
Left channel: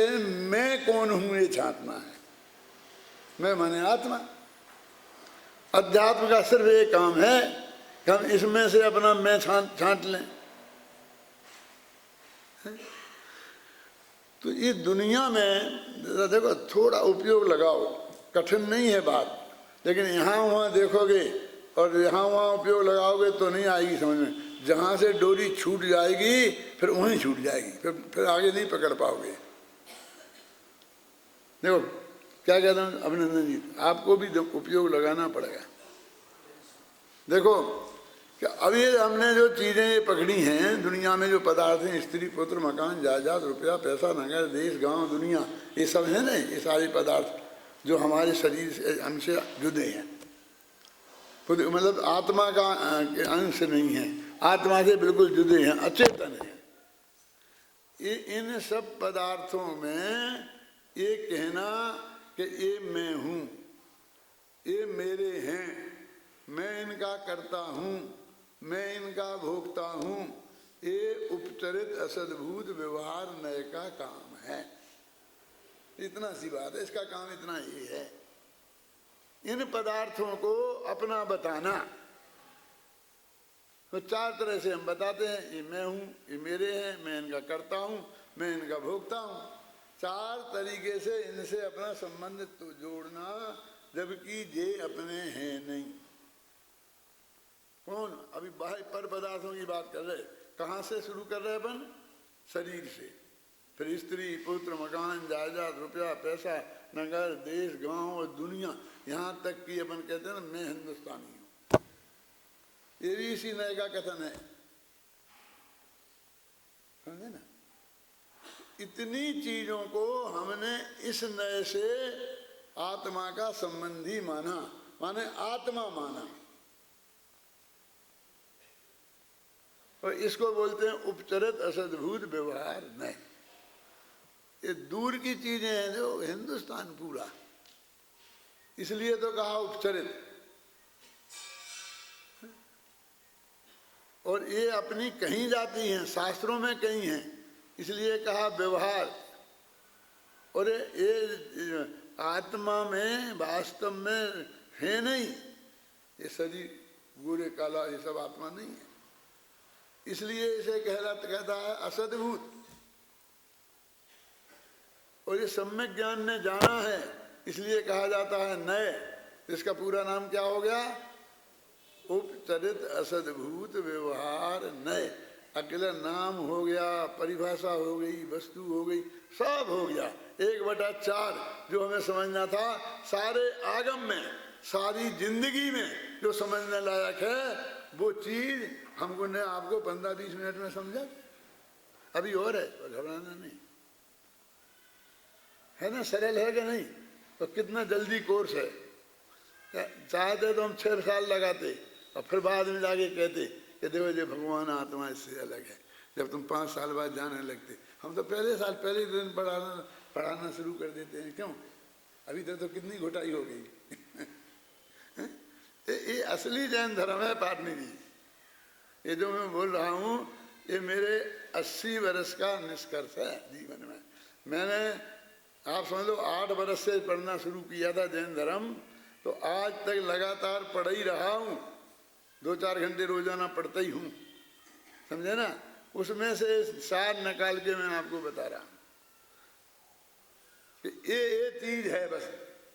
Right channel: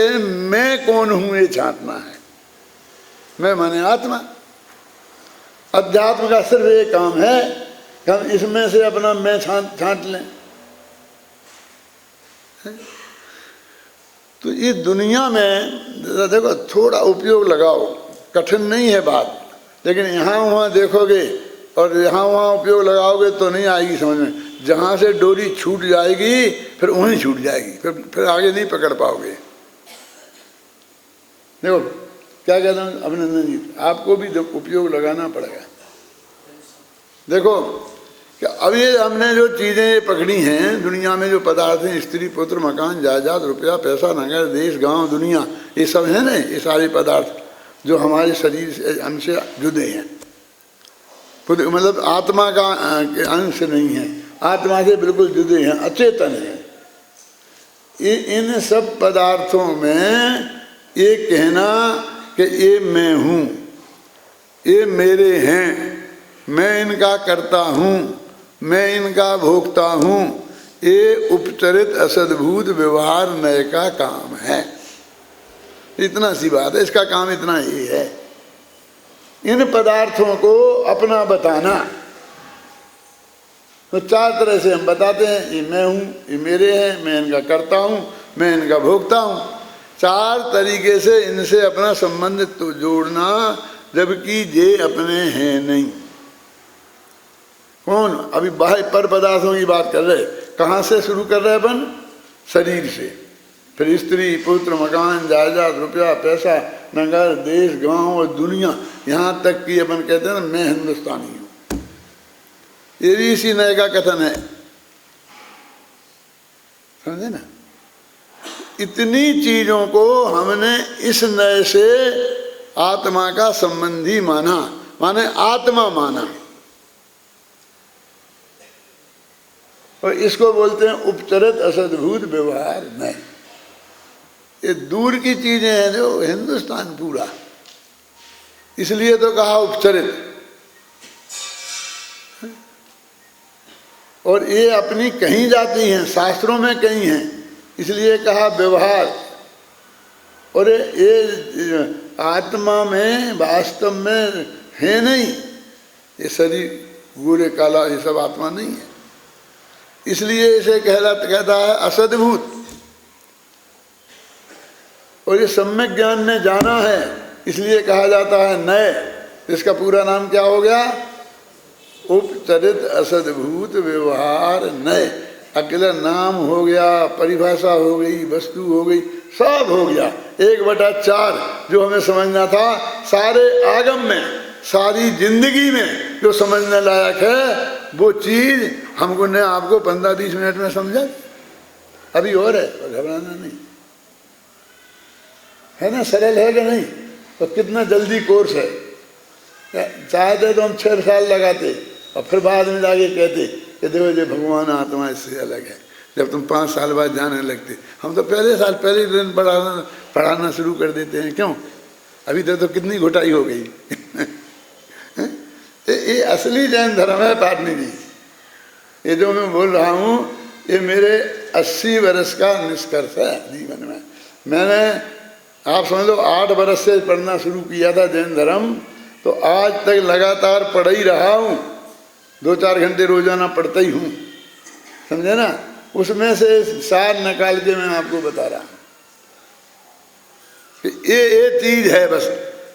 मैं कौन हूं ये छांटना है। मैं माने आत्मा। अध्यात्म का सिर्फ ये काम है कि हम इसमें से अपना मैं छांट लें। तो ये दुनिया में देखो थोड़ा उपयोग लगाओ, कठिन नहीं है बात, लेकिन यहाँ वहाँ देखोगे और यहाँ वहाँ उपयोग लगाओगे तो नहीं आएगी समझ में। जहाँ से डोरी छूट जाएगी फिर वहीं छूट जाएगी, फिर आगे नहीं पकड़ पाओगे। देखो क्या कहता हूँ अभिनंदन जी, आपको भी उपयोग लगाना पड़ेगा। देखो कि अब ये हमने जो चीज़ें पकड़ी हैं दुनिया में, जो पदार्थ हैं, स्त्री पुत्र मकान जायदाद रुपया पैसा नगर देश गांव दुनिया, ये सब है ना, ये सारे पदार्थ जो हमारे शरीर से हमसे जुड़े हैं, मतलब आत्मा का अंश नहीं है, आत्मा से बिल्कुल जुड़े हैं, अचेतन है। इन सब पदार्थों में ये कहना कि ये मैं हूँ, ये मेरे हैं, मैं इनका करता हूँ, मैं इनका भोगता हूँ, ये उपचरित असद्भूत व्यवहार नय का काम है। इतना सी बात है, इसका काम इतना ही है, इन पदार्थों को अपना बताना। तो 4 तरह से हम बताते हैं, ये मैं हूँ, ये मेरे हैं, मैं इनका करता हूँ, मैं इनका भोगता हूँ। 4 तरीके से इनसे अपना संबंध तो जोड़ना, जबकि ये अपने हैं नहीं। कौन? अभी बाह्य पर पदार्थों की बात कर रहे, कहाँ से शुरू कर रहे अपन? शरीर से, फिर स्त्री पुत्र मकान जायदाद रुपया पैसा नगर, देश, गांव और दुनिया, यहाँ तक कि अपन कहते हैं ना मैं हिंदुस्तानी हूँ, ये भी इसी नए का कथन है, समझे ना। इतनी चीजों को हमने इस नए से आत्मा का संबंधी माना, माने आत्मा माना, और इसको बोलते हैं उपचरित असद्भूत व्यवहार नए। ये दूर की चीजें हैं जो हिंदुस्तान पूरा, इसलिए तो कहा उपचरित, और ये अपनी कहीं जाती हैं, शास्त्रों में कहीं हैं, इसलिए कहा व्यवहार। और ये आत्मा में वास्तव में है नहीं, ये शरीर गोरे काला ये सब आत्मा नहीं है, इसलिए इसे कहता है असद्भूत। और ये सम्यक ज्ञान ने जाना है, इसलिए कहा जाता है नए। इसका पूरा नाम क्या हो गया? उपचरित असद्भूत व्यवहार नए। अकेला नाम हो गया, परिभाषा हो गई, वस्तु हो गई, सब हो गया। 1/4 जो हमें समझना था, सारे आगम में, सारी जिंदगी में जो समझने लायक है वो चीज हमको ने आपको 15-20 मिनट में समझा। अभी और है, घबराना नहीं है ना, सरल है कि नहीं? तो कितना जल्दी कोर्स है, चाहते तो हम 6 साल लगाते और फिर बाद में जाके कहते कि देखो ये भगवान आत्मा इससे अलग है। जब तुम 5 साल बाद जाने लगते, हम तो पहले दिन पढ़ाना शुरू कर देते हैं। क्यों? अभी तो कितनी घुटाई हो गई। ये असली जैन धर्म है पाटनी जी। ये जो मैं बोल रहा हूँ ये मेरे 80 वर्ष का निष्कर्ष है जीवन में। मैंने आप समझ लो 8 वर्ष से पढ़ना शुरू किया था जैन धर्म, तो आज तक लगातार पढ़ ही रहा हूँ। 2-4 घंटे रोजाना पढ़ता ही हूँ, समझे ना। उसमें से सार निकाल के मैं आपको बता रहा हूँ कि ये चीज है, बस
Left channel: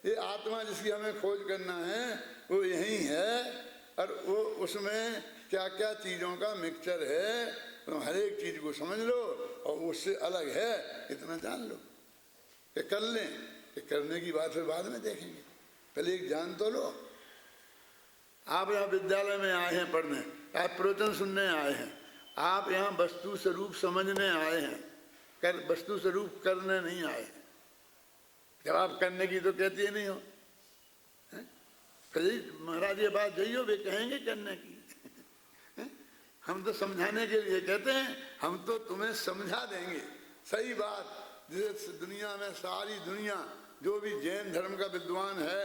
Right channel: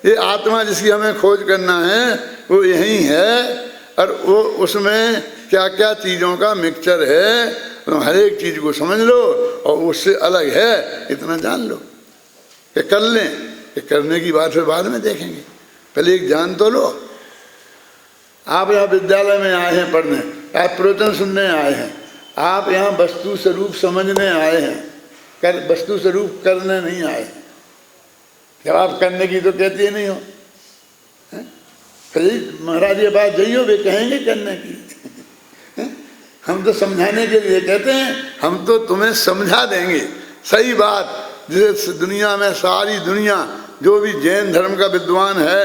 ये आत्मा जिसकी हमें खोज करना है वो यही है। और वो उसमें क्या क्या चीज़ों का मिक्सचर है, तो हर एक चीज़ को समझ लो और उससे अलग है इतना जान लो कि कर लें। कि करने की बात फिर बाद में देखेंगे, पहले एक जान तो लो। आप यहाँ विद्यालय में आए हैं पढ़ने, आप प्रवचन सुनने आए हैं, आप यहाँ वस्तु स्वरूप समझने आए हैं, वस्तु स्वरूप करने नहीं आए हैं। जब आप करने की तो कहते ही नहीं हो, महाराज ये बात जइयो वे कहेंगे करने की। हम तो समझाने के लिए कहते हैं, हम तो तुम्हें समझा देंगे सही बात, जिसे दुनिया में सारी दुनिया जो भी जैन धर्म का विद्वान है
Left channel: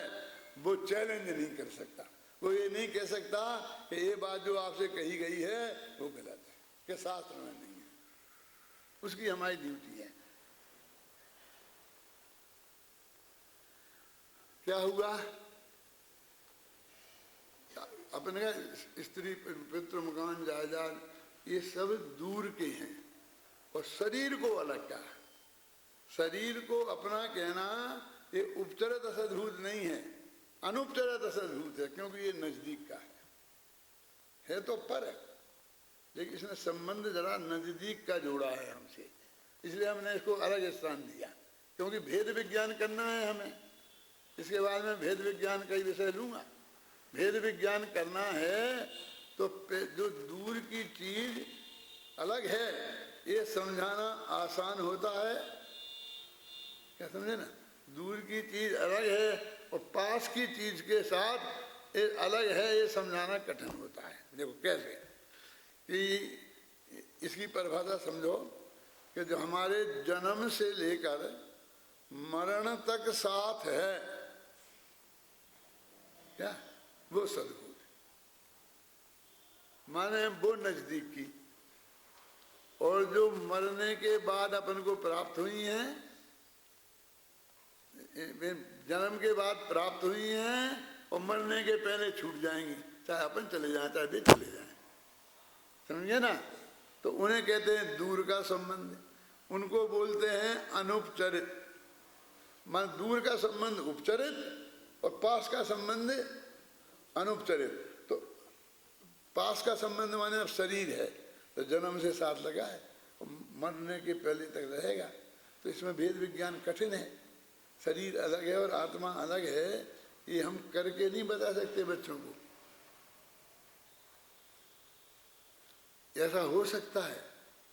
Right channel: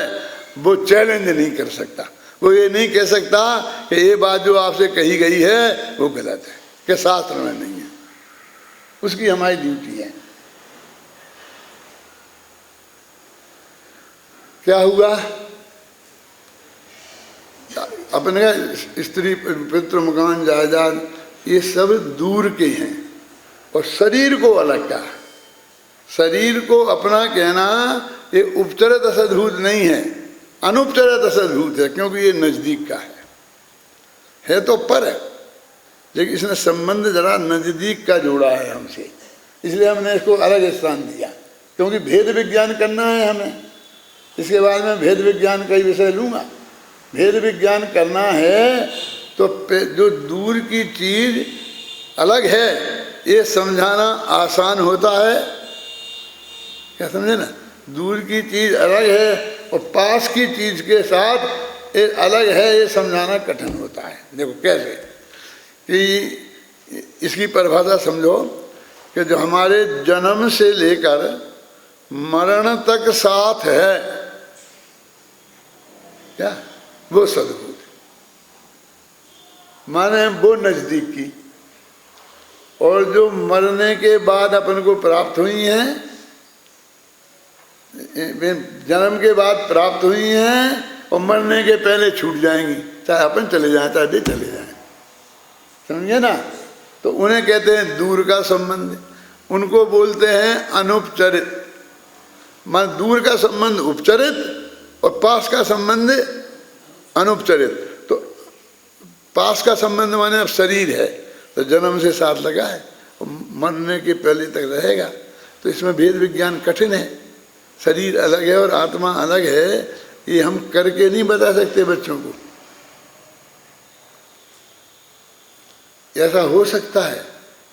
वो चैलेंज नहीं कर सकता। वो ये नहीं कह सकता कि ये बात जो आपसे कही गई है वो गलत है, कि शास्त्र में नहीं है। उसकी हमारी ड्यूटी है। क्या हुआ? अपने स्त्री पुत्र मकान जायदाद ये सब दूर के हैं, और शरीर को अलग का, शरीर को अपना कहना ये उपचरित असद्भूत नहीं है, अनुपचरित असद्भूत है, क्योंकि ये नजदीक का है तो पर है, लेकिन इसने संबंध जरा नजदीक का जोड़ा है हमसे, इसलिए हमने इसको अलग स्थान दिया। क्योंकि भेद विज्ञान करना है हमें, इसके बाद में भेद विज्ञान का ही विषय लूँगा। भेद विज्ञान करना है तो जो दूर की चीज अलग है ये समझाना आसान होता है, क्या समझे ना। दूर की चीज अलग है और पास की चीज के साथ ये अलग है, ये समझाना कठिन होता है। देखो कैसे कि इसकी परिभाषा समझो कि जो हमारे जन्म से लेकर मरण तक साथ है, क्या वो सद्भूत, माने वो नजदीक की, और जो मरने के बाद अपन को प्राप्त हुई हैं, जन्म के बाद प्राप्त हुई हैं और मरने के पहले छूट जाएंगी, चाहे अपन चले जाएं चाहे दे चले जाएं, समझे ना। तो उन्हें कहते हैं दूर का संबंध, उनको बोलते हैं अनुपचरित। मान दूर का संबंध उपचरित और पास का संबंध अनुपचरित। तो पास का संबंध माने अब शरीर है तो जन्म से साथ लगा है और मरने के पहले तक रहेगा, तो इसमें भेद विज्ञान कठिन है। शरीर अलग है और आत्मा अलग है, ये हम करके नहीं बता सकते बच्चों को। ऐसा हो सकता है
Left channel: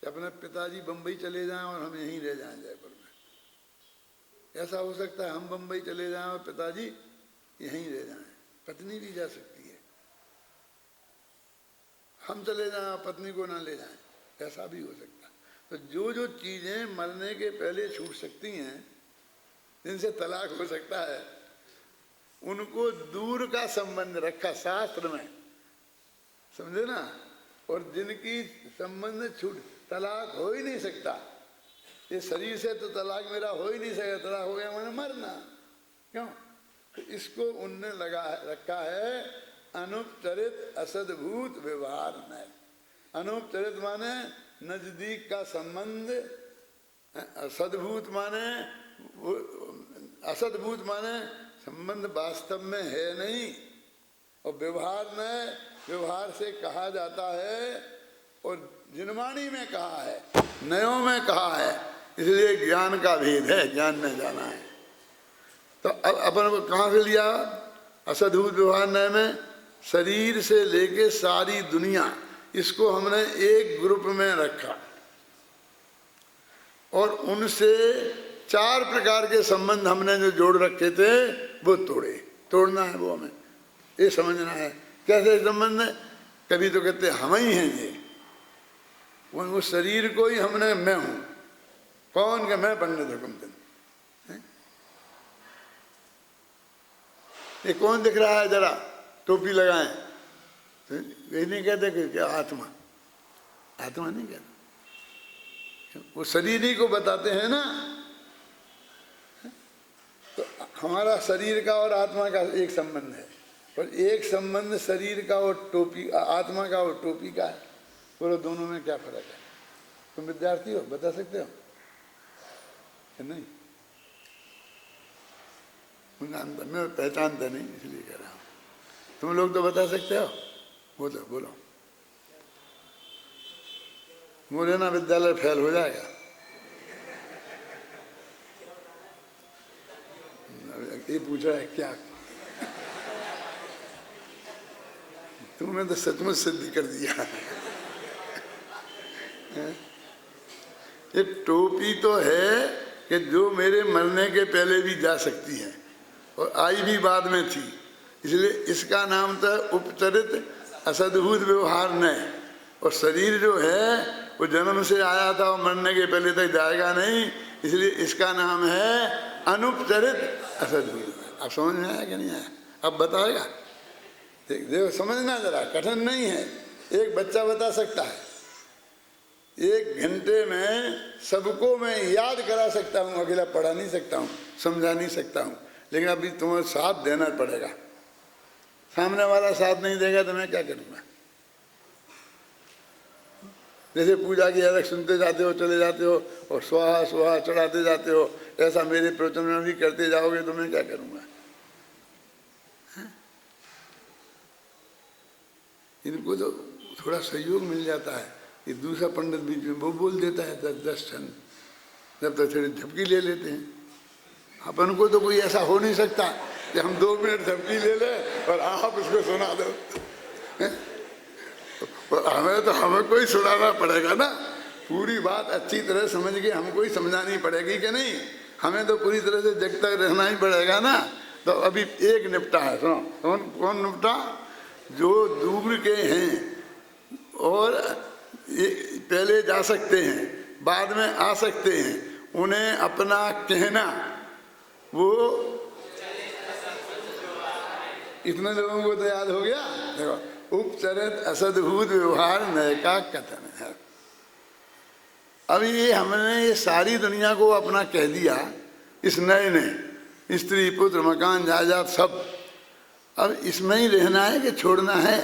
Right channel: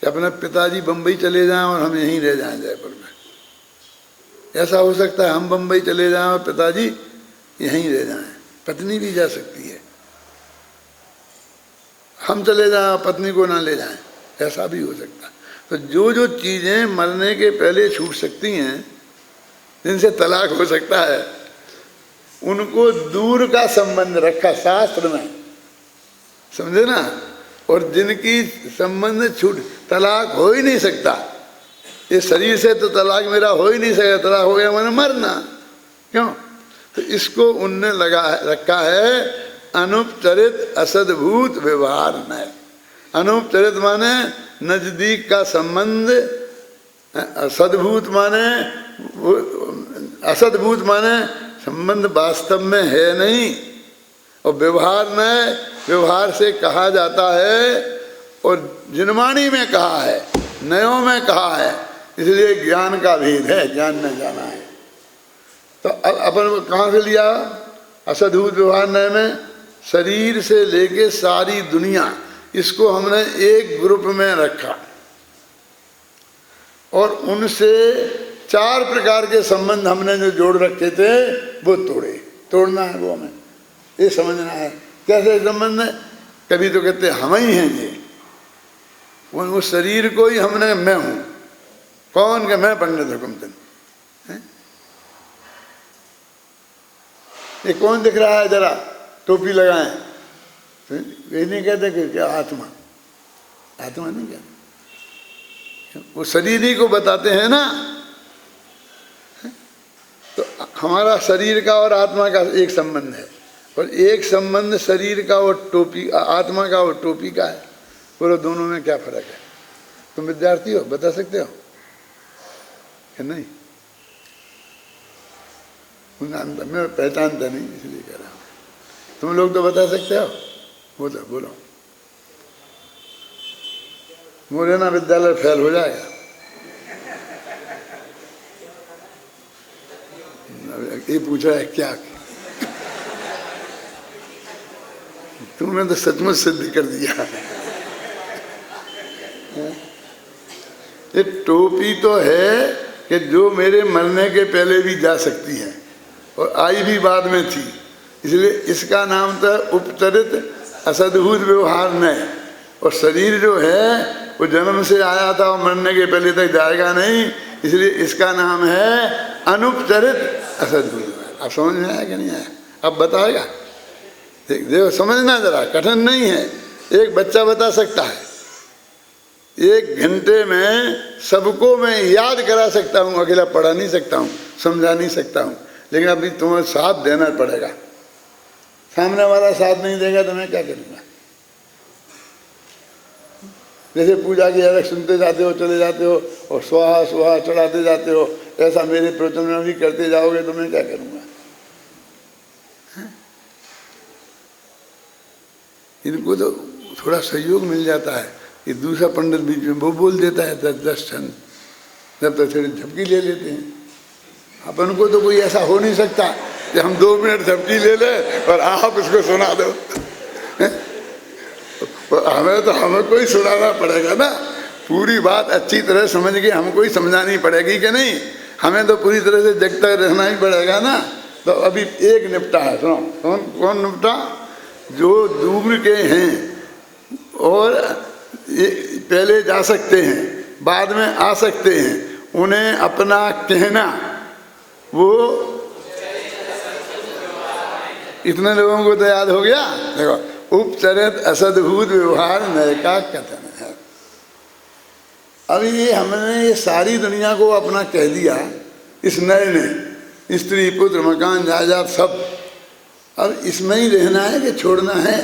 कि अपना पिताजी बम्बई चले जाएं और हम यहीं रह जाएं जयपुर में। ऐसा हो सकता है हम बम्बई चले जाएं और पिताजी यहीं रह जाएं। पत्नी भी जा सकती है, हम चले जाएं पत्नी को ना ले जाएं, ऐसा भी हो सकता है। तो जो जो चीज़ें मरने के पहले छूट सकती हैं, जिनसे तलाक हो सकता है, उनको दूर का संबंध रखा शास्त्र में, समझे ना। और जिनकी संबंध छूट, तलाक हो ही नहीं सकता, इस शरीर से तो तलाक मेरा हो ही नहीं सकता, तलाक हो गया मैंने मरना, क्यों? तो इसको उनने रखा है अनुपचरित असद्भूत व्यवहार न। अनुपचरित माने नजदीक का संबंध, सद्भूत माने असद्भूत माने संबंध वास्तव में है नहीं, और व्यवहार में, व्यवहार से कहा जाता है और जिनवाणी में कहा है, नयों में कहा है, इसलिए ज्ञान का भेद है, ज्ञान में जाना है। तो अपन कहाँ से लिया असद्भूत व्यवहार नय में? शरीर से लेके सारी दुनिया, इसको हमने एक ग्रुप में रखा और उनसे 4 प्रकार के संबंध हमने जो जोड़ रखे थे वो तोड़े। तोड़ना है वो हमें, ये समझना है कैसे संबंध है। कभी तो कहते हम ही हैं ये, उस शरीर को ही हमने मैं हूं। कौन के? मैं पंडित हुकुमचंद। ये कौन दिख रहा है? जरा टोपी लगाए, ये नहीं कहते कि क्या आत्मा, आत्मा नहीं कहते, वो शरीर ही को बताते हैं ना। तो हमारा शरीर का और आत्मा का एक संबंध है, और एक संबंध शरीर का और टोपी, आत्मा का और टोपी का है। बोलो दोनों में क्या फर्क है? तुम विद्यार्थी हो, बता सकते हो कि नहीं? मैं पहचानता नहीं इसलिए कह रहा हूं। तुम लोग तो बता सकते हो, बोलो बोलो। मुरैना विद्यालय फेल हो जाएगा। ये पूछा है क्या? तुमने तो सचमुच सिद्ध कर दिया। ये टोपी तो है कि जो मेरे मरने के पहले भी जा सकती है और आई भी बाद में थी, इसलिए इसका नाम था उपचरित असद्भूत व्यवहार में। और शरीर जो है वो जन्म से आया था और मरने के पहले तक जाएगा नहीं, इसलिए इसका नाम है अनुपचरित असद्भूत। अब समझ में आया कि नहीं आया? अब बताएगा, देखो समझना जरा, कठिन नहीं है, एक बच्चा बता सकता है। 1 घंटे में सबको मैं याद करा सकता हूँ, अकेला पढ़ा नहीं सकता हूँ, समझा नहीं सकता हूँ, लेकिन अभी तुम्हें साथ देना पड़ेगा। सामने वाला साथ नहीं देगा तो मैं क्या करूँगा? जैसे पूजा की अलग सुनते जाते हो, चले जाते हो और स्वाहा स्वाहा चढ़ाते जाते हो, ऐसा मेरे प्रवचन में भी करते जाओगे तो मैं क्या करूँगा? इनको तो थोड़ा सहयोग मिल जाता है, ये दूसरा पंडित बीच में वो बोल देता है 10 क्षण, जब तक थोड़ी झपकी ले लेते हैं। अपन को तो कोई ऐसा हो नहीं सकता कि हम 2 मिनट झपकी ले लें और आप उसको सुना दो। हमें कोई सुनाना पड़ेगा ना, पूरी बात अच्छी तरह समझ के हमको ही समझानी पड़ेगी कि नहीं? हमें तो पूरी तरह से जगता रहना ही पड़ेगा ना। तो अभी एक निपटा है, सुनो। कौन निपटा? जो दूर के हैं और पहले जा सकते हैं, बाद में आ सकते हैं, उन्हें अपना कहना, वो इतने लोगों को तो याद हो गया। देखो, उपचरित असद्भूत व्यवहार नय का कथन है। अब ये हमने ये सारी दुनिया को अपना कह दिया इस नए ने, स्त्री पुत्र मकान जायदाद सब। अब इसमें ही रहना है कि छोड़ना है?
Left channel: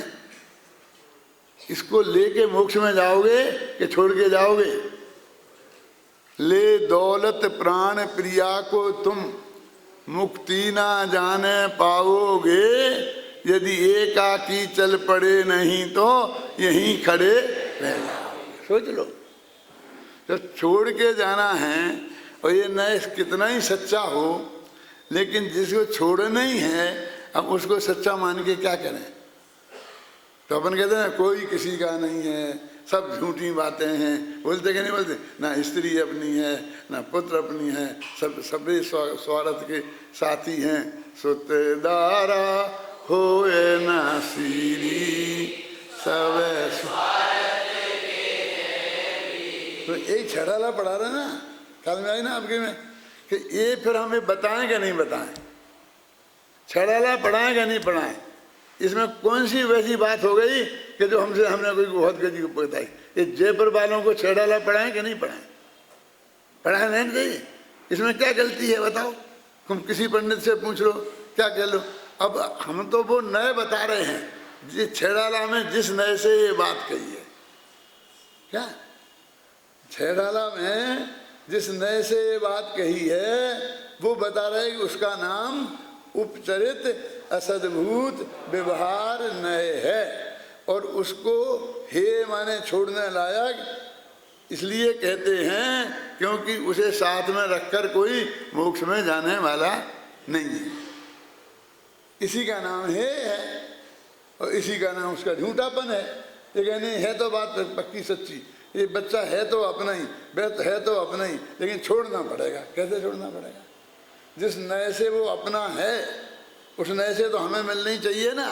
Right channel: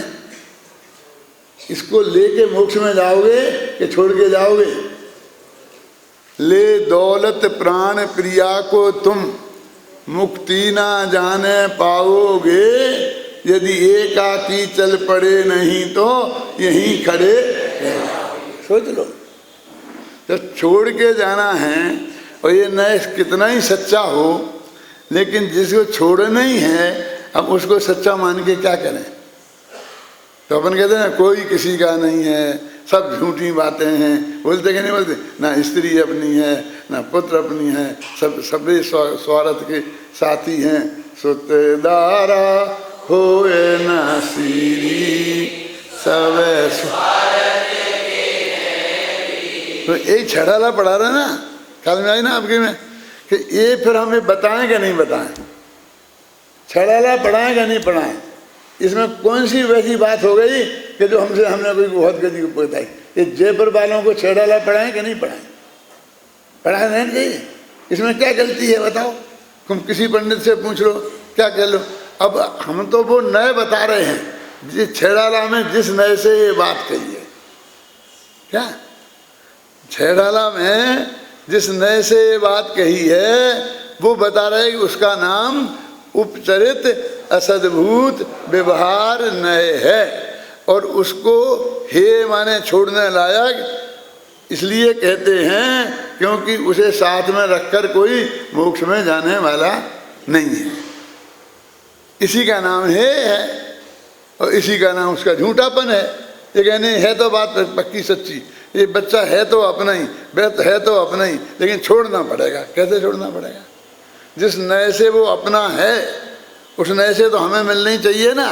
इसको लेके मोक्ष में जाओगे कि छोड़ के जाओगे? ले दौलत प्राण प्रिया को तुम मुक्ति ना जाने पाओगे, यदि एकाकी चल पड़े नहीं तो यहीं खड़े रह जाओगे। सोच लो, जब छोड़ के जाना है और ये न कितना ही सच्चा हो लेकिन जिसको छोड़ना ही है अब उसको सच्चा मान के क्या करें। तो अपन कहते हैं ना कोई किसी का नहीं है, सब झूठी बातें हैं, बोलते कि नहीं बोलते, ना स्त्री अपनी है ना पुत्र अपनी है, सब सबे स्वार्थ के साथी हैं। सुतेदारा होए न सीरी सब स्वार्थ के। तो यही छड़ाला पढ़ा रहा ना, कल में आई ना आपके में कि ये फिर हमें बताएं कि नहीं बताएं, छड़ाला पढ़ाएं कि नहीं पढ़ाएं। इसमें कौन सी वैसी बात हो गई कि जो हमने कोई बहुत गति बताई। ये जयपुर वालों को छड़ाला पढ़ाएं कि नहीं पढ़ाएं, पढ़ाए नहीं चाहिए। इसमें क्या गलती है बताओ, तुम किसी पंडित से पूछ लो, क्या कह लो। अब हम तो वो नए बता रहे हैं जिस छेड़ाला में जिस नए से ये बात कही है। क्या छेड़ाला में जिस नए से ये बात कही है वो बता रहे हैं कि उसका नाम उपचरित असद्भूत व्यवहार नए है, और उसको हे माने छोड़ने लायक इसलिए कहते हैं क्योंकि उसे साथ में रखकर कोई मोक्ष में जाने वाला नहीं है। इसी का नाम है और इसी का नाम उसका झूठापन है। ये कहने है तो बात पक्की सच्ची, ये बच्चा है तो अपना ही, बेत है तो अपना ही, लेकिन छोड़ना पड़ेगा। कैसे छोड़ना पड़ेगा? जिस नए से वो अपना है उस नए से तो हमें मिलना ही चाहिए ना।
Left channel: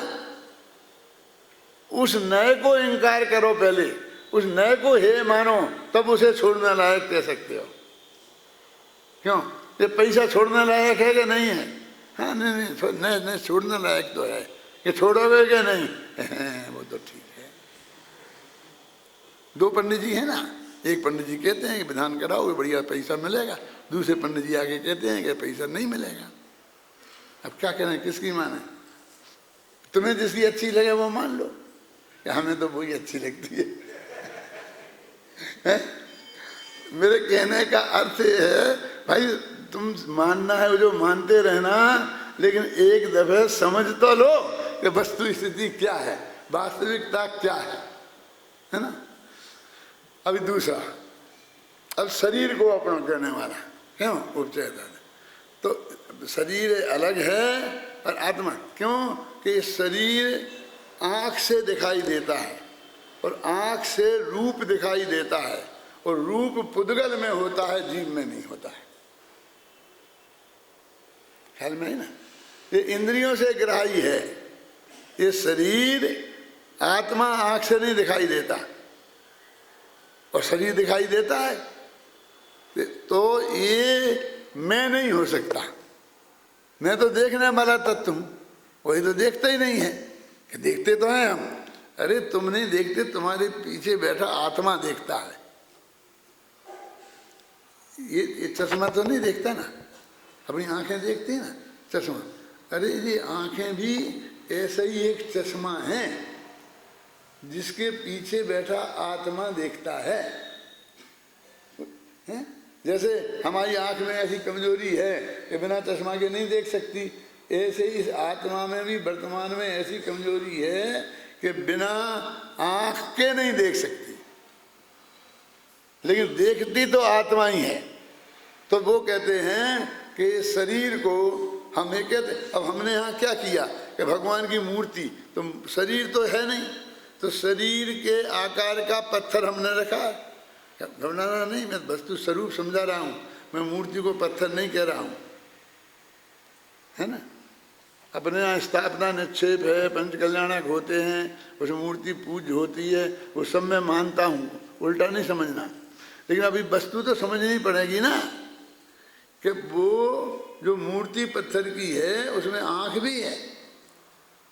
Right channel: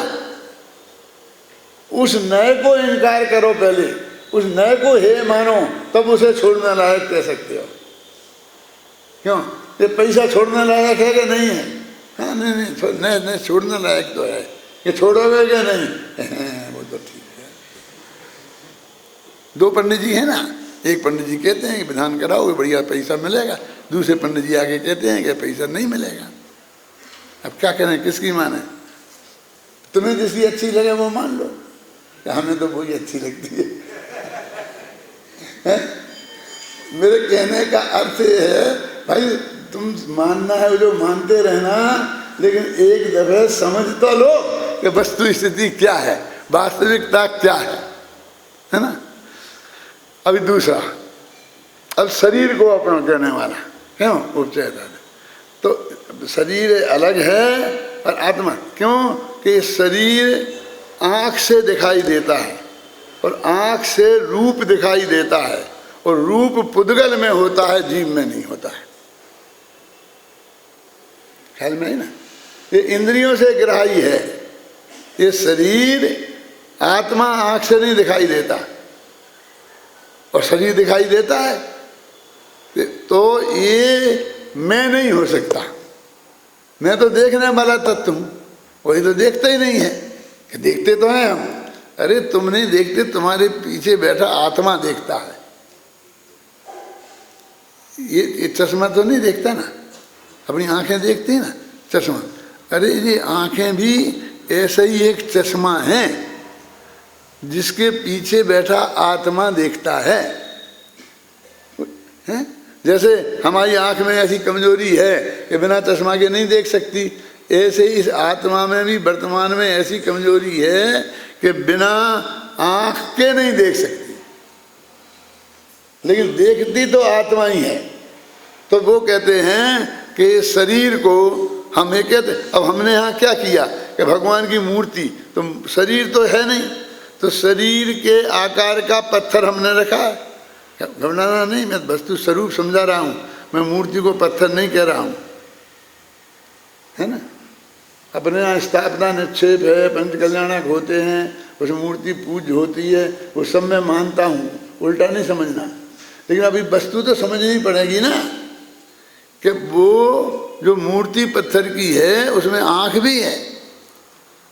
उस नए को इनकार करो पहले, उस नए को हे मानो, तब उसे छोड़ने लायक कह सकते हो। क्यों? ये पैसा छोड़ने लायक है कि नहीं है? हाँ नहीं नहीं छोड़ने लायक तो है। ये छोड़ोगे क्या नहीं? वो तो ठीक है। दो पंडित जी है ना, एक पंडित जी कहते हैं कि विधान कराओ बढ़िया पैसा मिलेगा, दूसरे पंडित जी आगे कहते हैं कि पैसा नहीं मिलेगा। अब क्या करें, किसकी माने? तुम्हें जिसकी अच्छी लगे वो मान लो, कि हमें तो वही अच्छी लगती है। मेरे कहने का अर्थ ये है भाई, तुम मानना है जो मानते रहना, लेकिन एक दफे समझ तो लो कि वस्तु स्थिति क्या है, वास्तविकता क्या है ना। अभी दूसरा, अब शरीर को अपना कहने वाला क्यों उपचय, तो शरीर अलग है और आत्मा क्यों कि शरीर आँख से दिखाई देता है और आँख से रूप दिखाई देता है, और रूप पुद्गल में होता है, जीव में नहीं होता है। ख्याल में है ना? ये इंद्रियों से ग्राही है। ये शरीर आत्मा आँख से नहीं दिखाई देता और शरीर दिखाई देता है, तो ये मैं नहीं हो सकता। मैं तो देखने वाला तत्व हूँ, वही तो देखता ही नहीं है। देखते तो हैं हम, अरे तुम नहीं देखते, तुम्हारे पीछे बैठा आत्मा देखता है। ये चश्मा तो नहीं देखता ना, अपनी आंखें देखती है ना चश्मा। अरे ये आंखें भी ऐसा ही एक चश्मा है जिसके पीछे बैठा आत्मा देखता है। हैं? जैसे हमारी आंख में ऐसी कमजोरी है कि बिना चश्मा के नहीं देख सकती, ऐसे इस आत्मा में भी वर्तमान में ऐसी कमजोरी है कि बिना आंख के नहीं देख सकती, लेकिन देखती तो आत्मा ही है। तो वो कहते हैं कि शरीर को हम एक कहते, अब हमने यहाँ क्या किया कि भगवान की मूर्ति, तो शरीर तो है नहीं, तो शरीर के आकार का पत्थर हमने रखा है। घबराना नहीं, मैं वस्तु स्वरूप समझा रहा हूँ, मैं मूर्ति को पत्थर नहीं कह रहा हूँ, है ना। अपने यहाँ स्थापना निक्षेप है, पंच कल्याणक होते हैं, उस मूर्ति पूज्य होती है, वो सब मैं मानता हूँ, उल्टा नहीं समझना। लेकिन अभी वस्तु तो समझनी पड़ेगी ना कि वो जो मूर्ति पत्थर की है उसमें आँख भी है,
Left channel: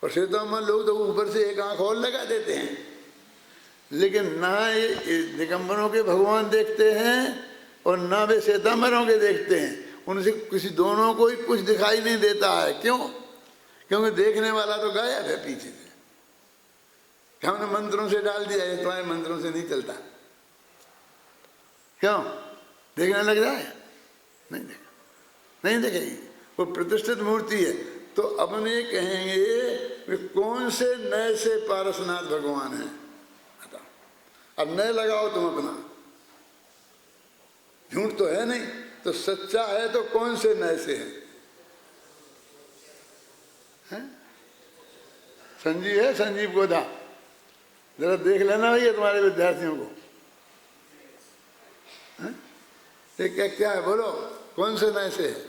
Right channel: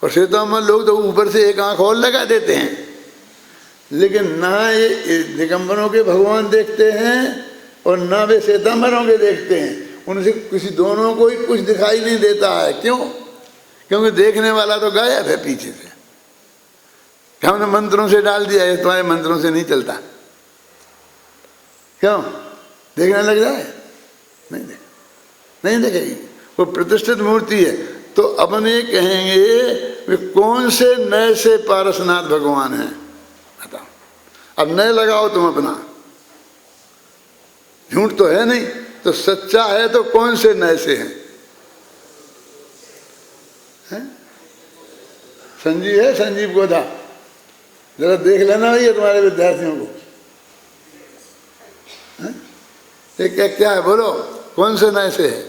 और श्वेतांबर लोग तो ऊपर से एक आँख और लगा देते हैं। लेकिन ना ये दिगंबरों के भगवान देखते हैं और ना वे श्वेतांबरों के देखते हैं, उनसे किसी दोनों को ही कुछ दिखाई नहीं देता है। क्यों? क्योंकि देखने वाला तो गायब है पीछे से। हमने मंत्रों से डाल दिया है, तुम्हारे मंत्रों से नहीं चलता। क्यों? देखने लग जाए? नहीं देखेगी, वो प्रतिष्ठित मूर्ति है। तो अपन ये कहेंगे वे कौन से नए से पारसनाथ भगवान हैं, बताओ। अब नए लगाओ तुम अपना, झूठ तो है नहीं, तो सच्चा है तो कौन से नए से हैं? संजीव है, संजीव गोधा, जरा देख लेना ये तुम्हारे विद्यार्थियों को। ये क्या है बोलो, कौन से नए से है?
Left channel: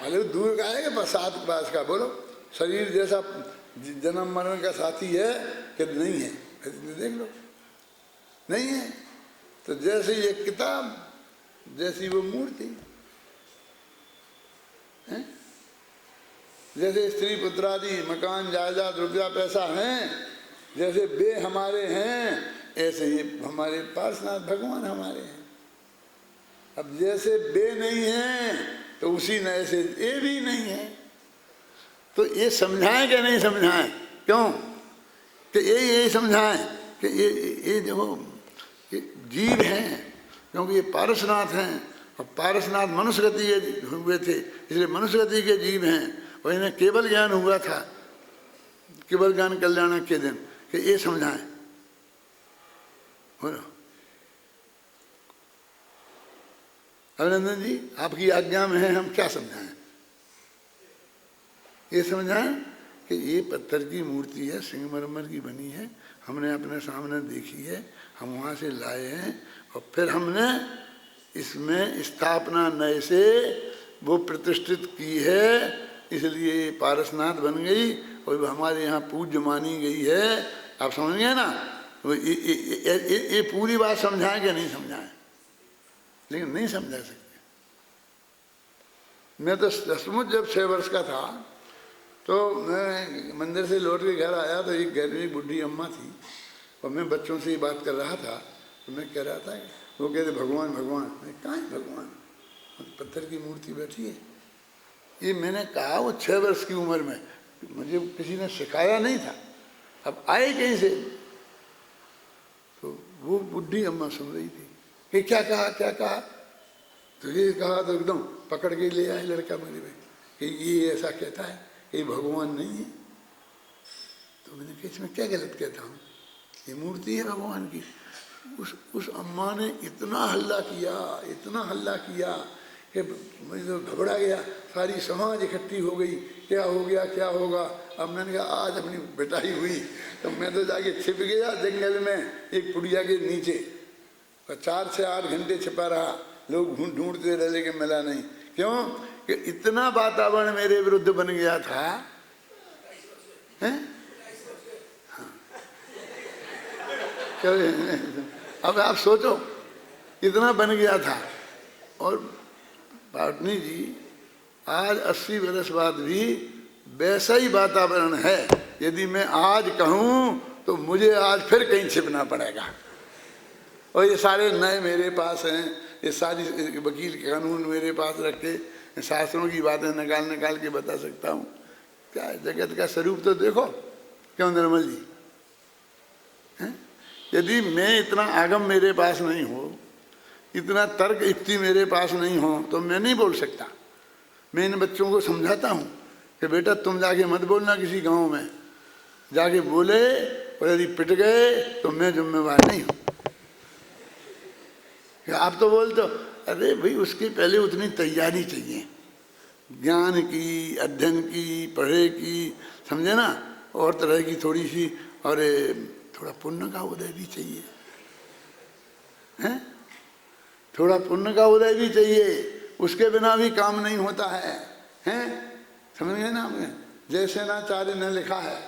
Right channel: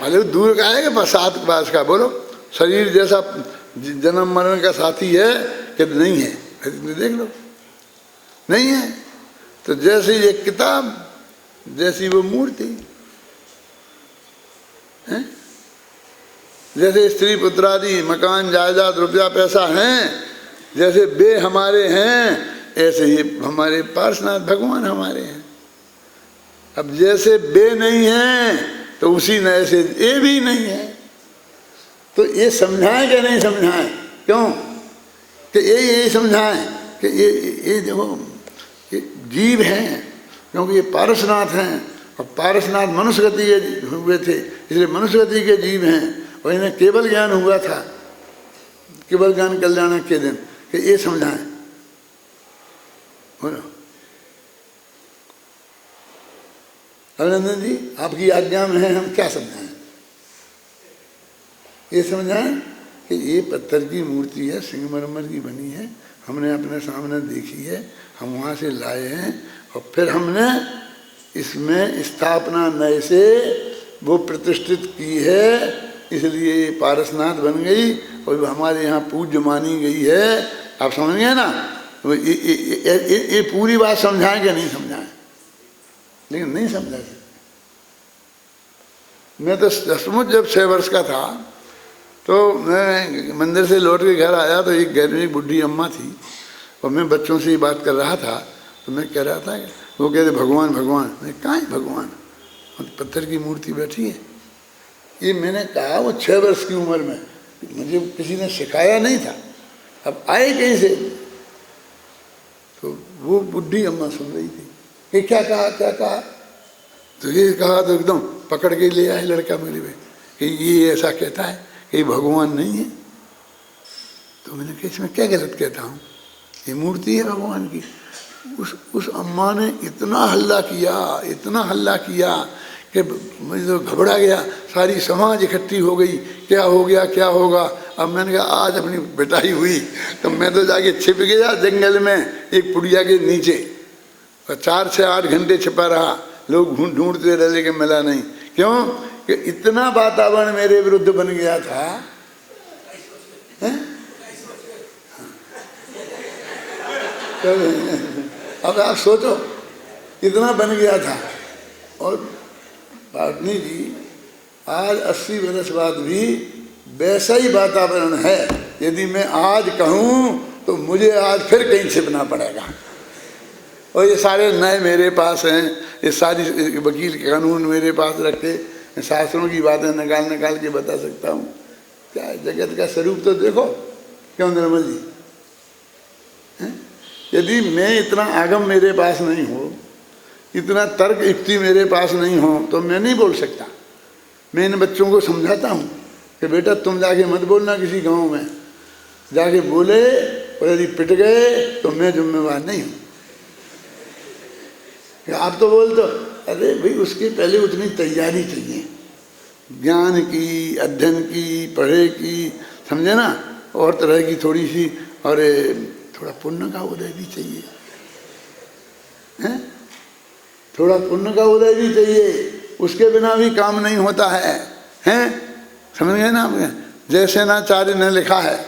मालूम दूर का है कि साथ पास का? बोलो, शरीर जैसा जन्म मरण का साथी है कि नहीं है? देख लो, नहीं है। तो जैसे ये किताब, जैसी वो मूर्ति है, जैसे स्त्री पुत्र आदि मकान जायदाद रुपया पैसा हैं, जैसे वे हमारे हैं, ऐसे ही हमारे पार्श्वनाथ भगवान हमारे हैं। अब जैसे वे नहीं हैं तो उसी नए से ये भी नहीं है। तो ये समझाएं कि नहीं समझाएं? क्यों कि ये समझाएं कि ये देखो ये जीव हैं, क्योंकि ये पारसनाथ हैं और पारसनाथ मनुष्य गति के हुए थे, इसलिए मनुष्य गति के जीव हैं और इन्हें केवल ज्ञान हुआ था, केवल ज्ञान कल्याण के दिन, कि ये समझाएं। बोलो अभिनंदन जी, आपकी आज्ञा में है, हम क्या समझाएं? ये समझाएं कि ये पत्थर की मूर्ति है, संगमरमर की बनी है, हमने अपने सामने देखी है, हम वहाँ से लाए हैं और फिर हमने इसमें स्थापना नए से वो प्रतिष्ठित की है, इसलिए ये पारसनाथ बन गई और हमारे यहाँ पूज्य मानी गई है। आप समझ गए ना? ये पूरी बात समझाएं कि नहीं समझाएं? लेकिन नहीं समझा सकते। मैं तो सचमुच जब 6 वर्ष का था तो मैं मंदिर से लौट के घर आया तो एक घर में एक बुढ़ी अम्मा थी और मैं बच्चों से ही बात कर रहा था। तो मैं कह रहा था कि वो कहते भगवान भगवान। मैं कहाँ है भगवान? पत्थर की मूर्ति बैठी है। ये मैंने कहा वो 6 वर्ष की उम्र में, मुझे किसी ने सिखाया नहीं था, अब आए कहीं से? तो वो बुढ़ी अम्मा सुन रही थी कि क्या कहा क्या कहा। तो ये कहा तो एकदम पकड़ के ले आए लड़का मेरे में कि ये ऐसा कहता है कि भगवान नहीं है। तो मैंने कहा इसमें क्या गलत कहता हूँ, ये मूर्ति है भगवान की। उस अम्मा ने इतना हल्ला किया कि मैं तो घबरा गया। सारी समाज इकट्ठी हो गई, क्या हो गया क्या होगा। अब मैंने कहा आज अपनी पिटाई हुई तो मैं तो जाके छिप गया जंगल में एक पुड़िया के नीचे और 4 से 8 घंटे छिपा रहा। लोग ढूंढते रहे लेकिन मिला नहीं। क्यों कि इतना वातावरण मेरे विरुद्ध बन गया था। अब आप सोचो इतना बन गया था। और पाटनी जी आज 80 वर्ष बाद भी वैसा ही वातावरण है। यदि मैं आज कहूँ तो मुझे आज फिर कहीं छिपना पड़ेगा। और ये सारे नए मेरे पास हैं, ये सारी वकील के कानून मेरे पास रखे, शास्त्रों की बातें निकाल के बता सकता हूँ। क्या जगत का स्वरूप तो देखो। क्यों निर्मल जी? यदि मैं इतना आगम मेरे पास नहीं हो, इतना तर्क युक्ति मेरे पास नहीं हो तो मैं नहीं बोल सकता। मैं इन बच्चों को समझाता हूँ कि बेटा तुम जाके मत बोलना किसी गांव में, जाके बोले और यदि पिट गए तो मैं जिम्मेवार नहीं हूँ। आप तो बोल दो, अरे भाई उसके पहले उतनी तैयारी चाहिए, ज्ञान की, अध्ययन की, पढ़े की, समझे ना, और तरह की थोड़ी सी, और थोड़ा पुण्य का उदय भी चाहिए, हैं? थोड़ा पुण्य का उदय भी चाहिए। उसके बिना भी काम नहीं होता है, हैं? समझ गए ना आप? जैसे नाचार्य ने लिखा है,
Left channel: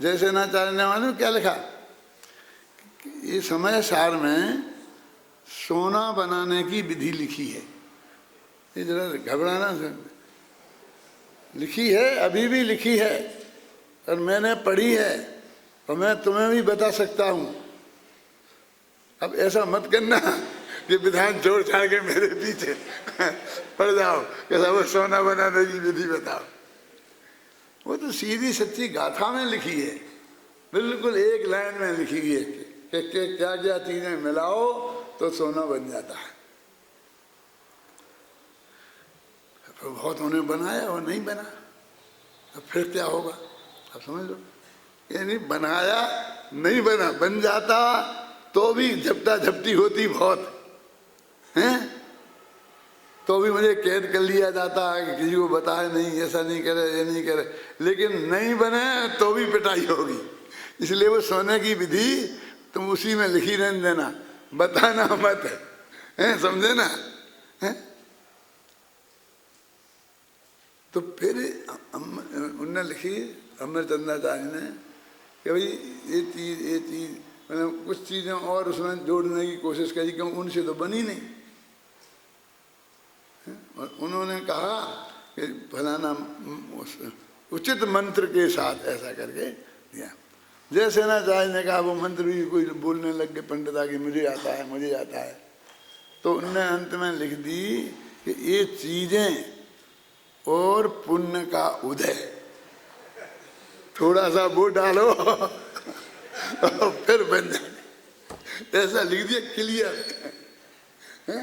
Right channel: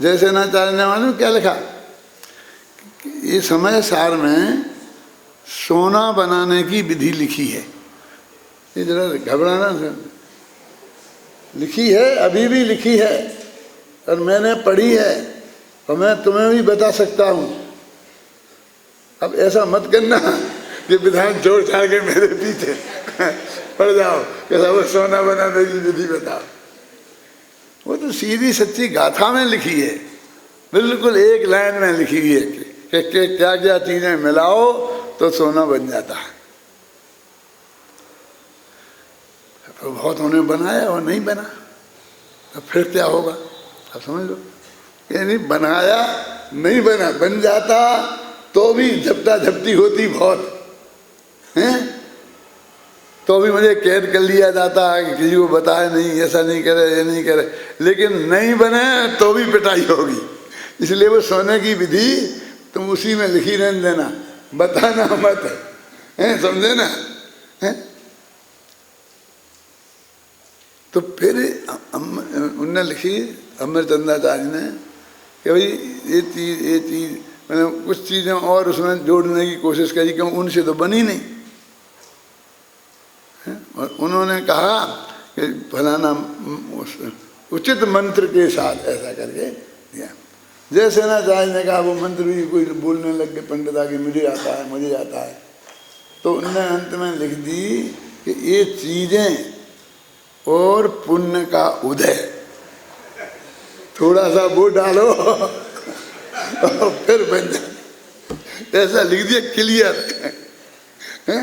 जैसे नाचार्य ने मालूम क्या लिखा? ये समय सार में सोना बनाने की विधि लिखी है। ये जरा घबराना है, लिखी है, अभी भी लिखी है और मैंने पढ़ी है और मैं तुम्हें भी बता सकता हूँ। अब ऐसा मत करना कि विधान छोड़ छाड़ के मेरे पीछे पड़ जाओ कि वो सोना बनाने की विधि बताओ। वो तो सीधी सच्ची गाथा में लिखी है, बिल्कुल एक लाइन में लिखी हुई है कि क्या क्या चीजें मिलाओ तो सोना बन जाता है। तो बहुत उन्हें बनाया और नहीं बना, तो फिर क्या होगा आप समझ लो। यानी बनाया नहीं बना, बन जाता तो भी झपटा झपटी होती बहुत, हैं? तो भी मुझे कैद कर लिया जाता है कि किसी को बताए नहीं, ऐसा नहीं करे, ये नहीं करे। लेकिन नहीं बने तो भी पिटाई होगी। इसलिए वो सोने की विधि तुम उसी में लिखी रहने देना, बताना मत है, समझे ना है? तो फिर उनने लिखी अमरचंद्राचार्य ने कि भाई ये चीज़ मैंने कुछ चीज़ें और उसमें जोड़ने की कोशिश करी, क्यों उनसे तो बनी नहीं है? और उन्होंने कहा कि फलाना उचित मंत्र के साथ ऐसा करके दिया। जैसे ना चार्य ने कहा वो मंत्र भी कोई बोलने लग गए पंडित आगे, मुझे आता है, मुझे आता है। तो उन्होंने अंत में लिख दी कि ये चीज़ें और पुण्य का उदय, थोड़ा सा वो डालो और फिर बन जाए। ऐसा लिख दिया क्लियर है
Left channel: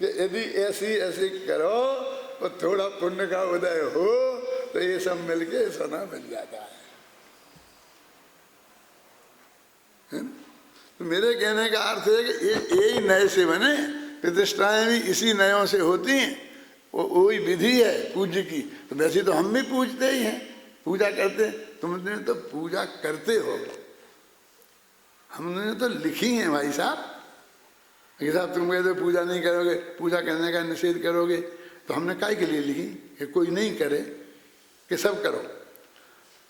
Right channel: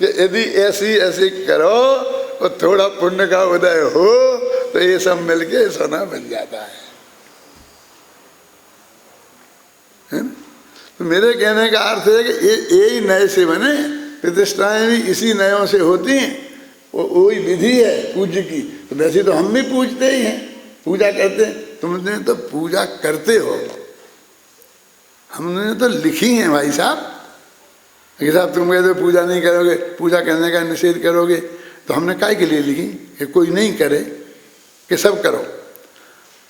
कि यदि ऐसी करो और थोड़ा पुण्य का उदय हो तो ये सब मिलके सोना बन जाता है ना? तो मेरे कहने का अर्थ है कि यही नए से बने, प्रतिष्ठाएं भी इसी नयों से होती हैं। वही विधि है पूज्य की। तो वैसे तो हम भी पूजते ही हैं, पूजा करते हैं। तुमने तो पूजा करते हो, हमने तो लिखी है भाई साहब। कि साहब तुम कहते हो पूजा नहीं करोगे, पूजा करने का निषेध करोगे, तो हमने काय के लिए लिखी कि कोई नहीं करे, कि सब करो,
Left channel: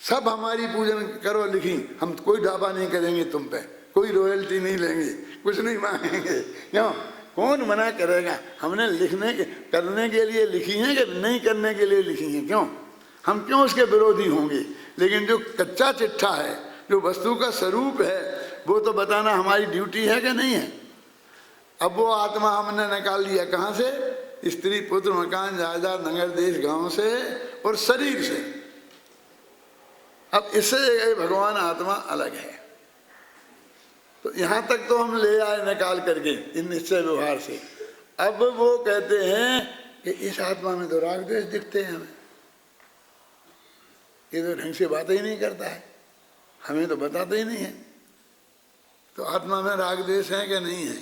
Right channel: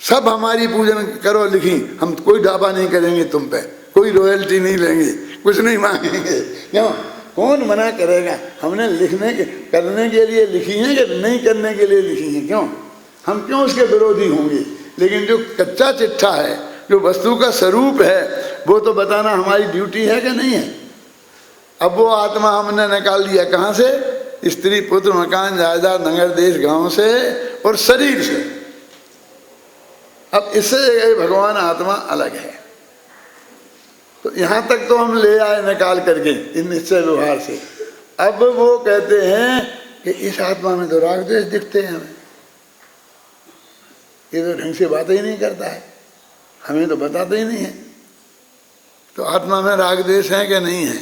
सब हमारी पूजन करो लिखी। हम कोई ढाबा नहीं करेंगे तुम पे, कोई रॉयल्टी नहीं लेंगे, कुछ नहीं मांगेंगे। क्यों? कौन मना करेगा? हमने लिखने के करने के लिए लिखी है कि नहीं करने के लिए लिखी है? क्यों? हम क्यों उसके विरोधी होंगे? लेकिन जो कच्चा चिट्ठा है, जो वस्तु का स्वरूप है, वो तो बताना हमारी ड्यूटी है कि नहीं है? अब वो आत्मा हमने निकाल लिया कहाँ से? स्त्री पुत्र मकान जायदाद नगर देश गांव से और शरीर से। अब इससे भगवान आत्मा अलग है। तो यहाँ तक तो हम ले आए निकाल करके इन निश्चय व्यवहार से। अब वो कहते हैं कि इस आत्मा में तो राग द्वेष दिखते हैं हमें, ये तो ढंग से बातें ही नहीं करता है, हमें तो बताते ही नहीं है। तो आत्मा में राग द्वेष है कि नहीं है?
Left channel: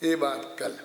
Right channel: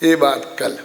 ये बात कल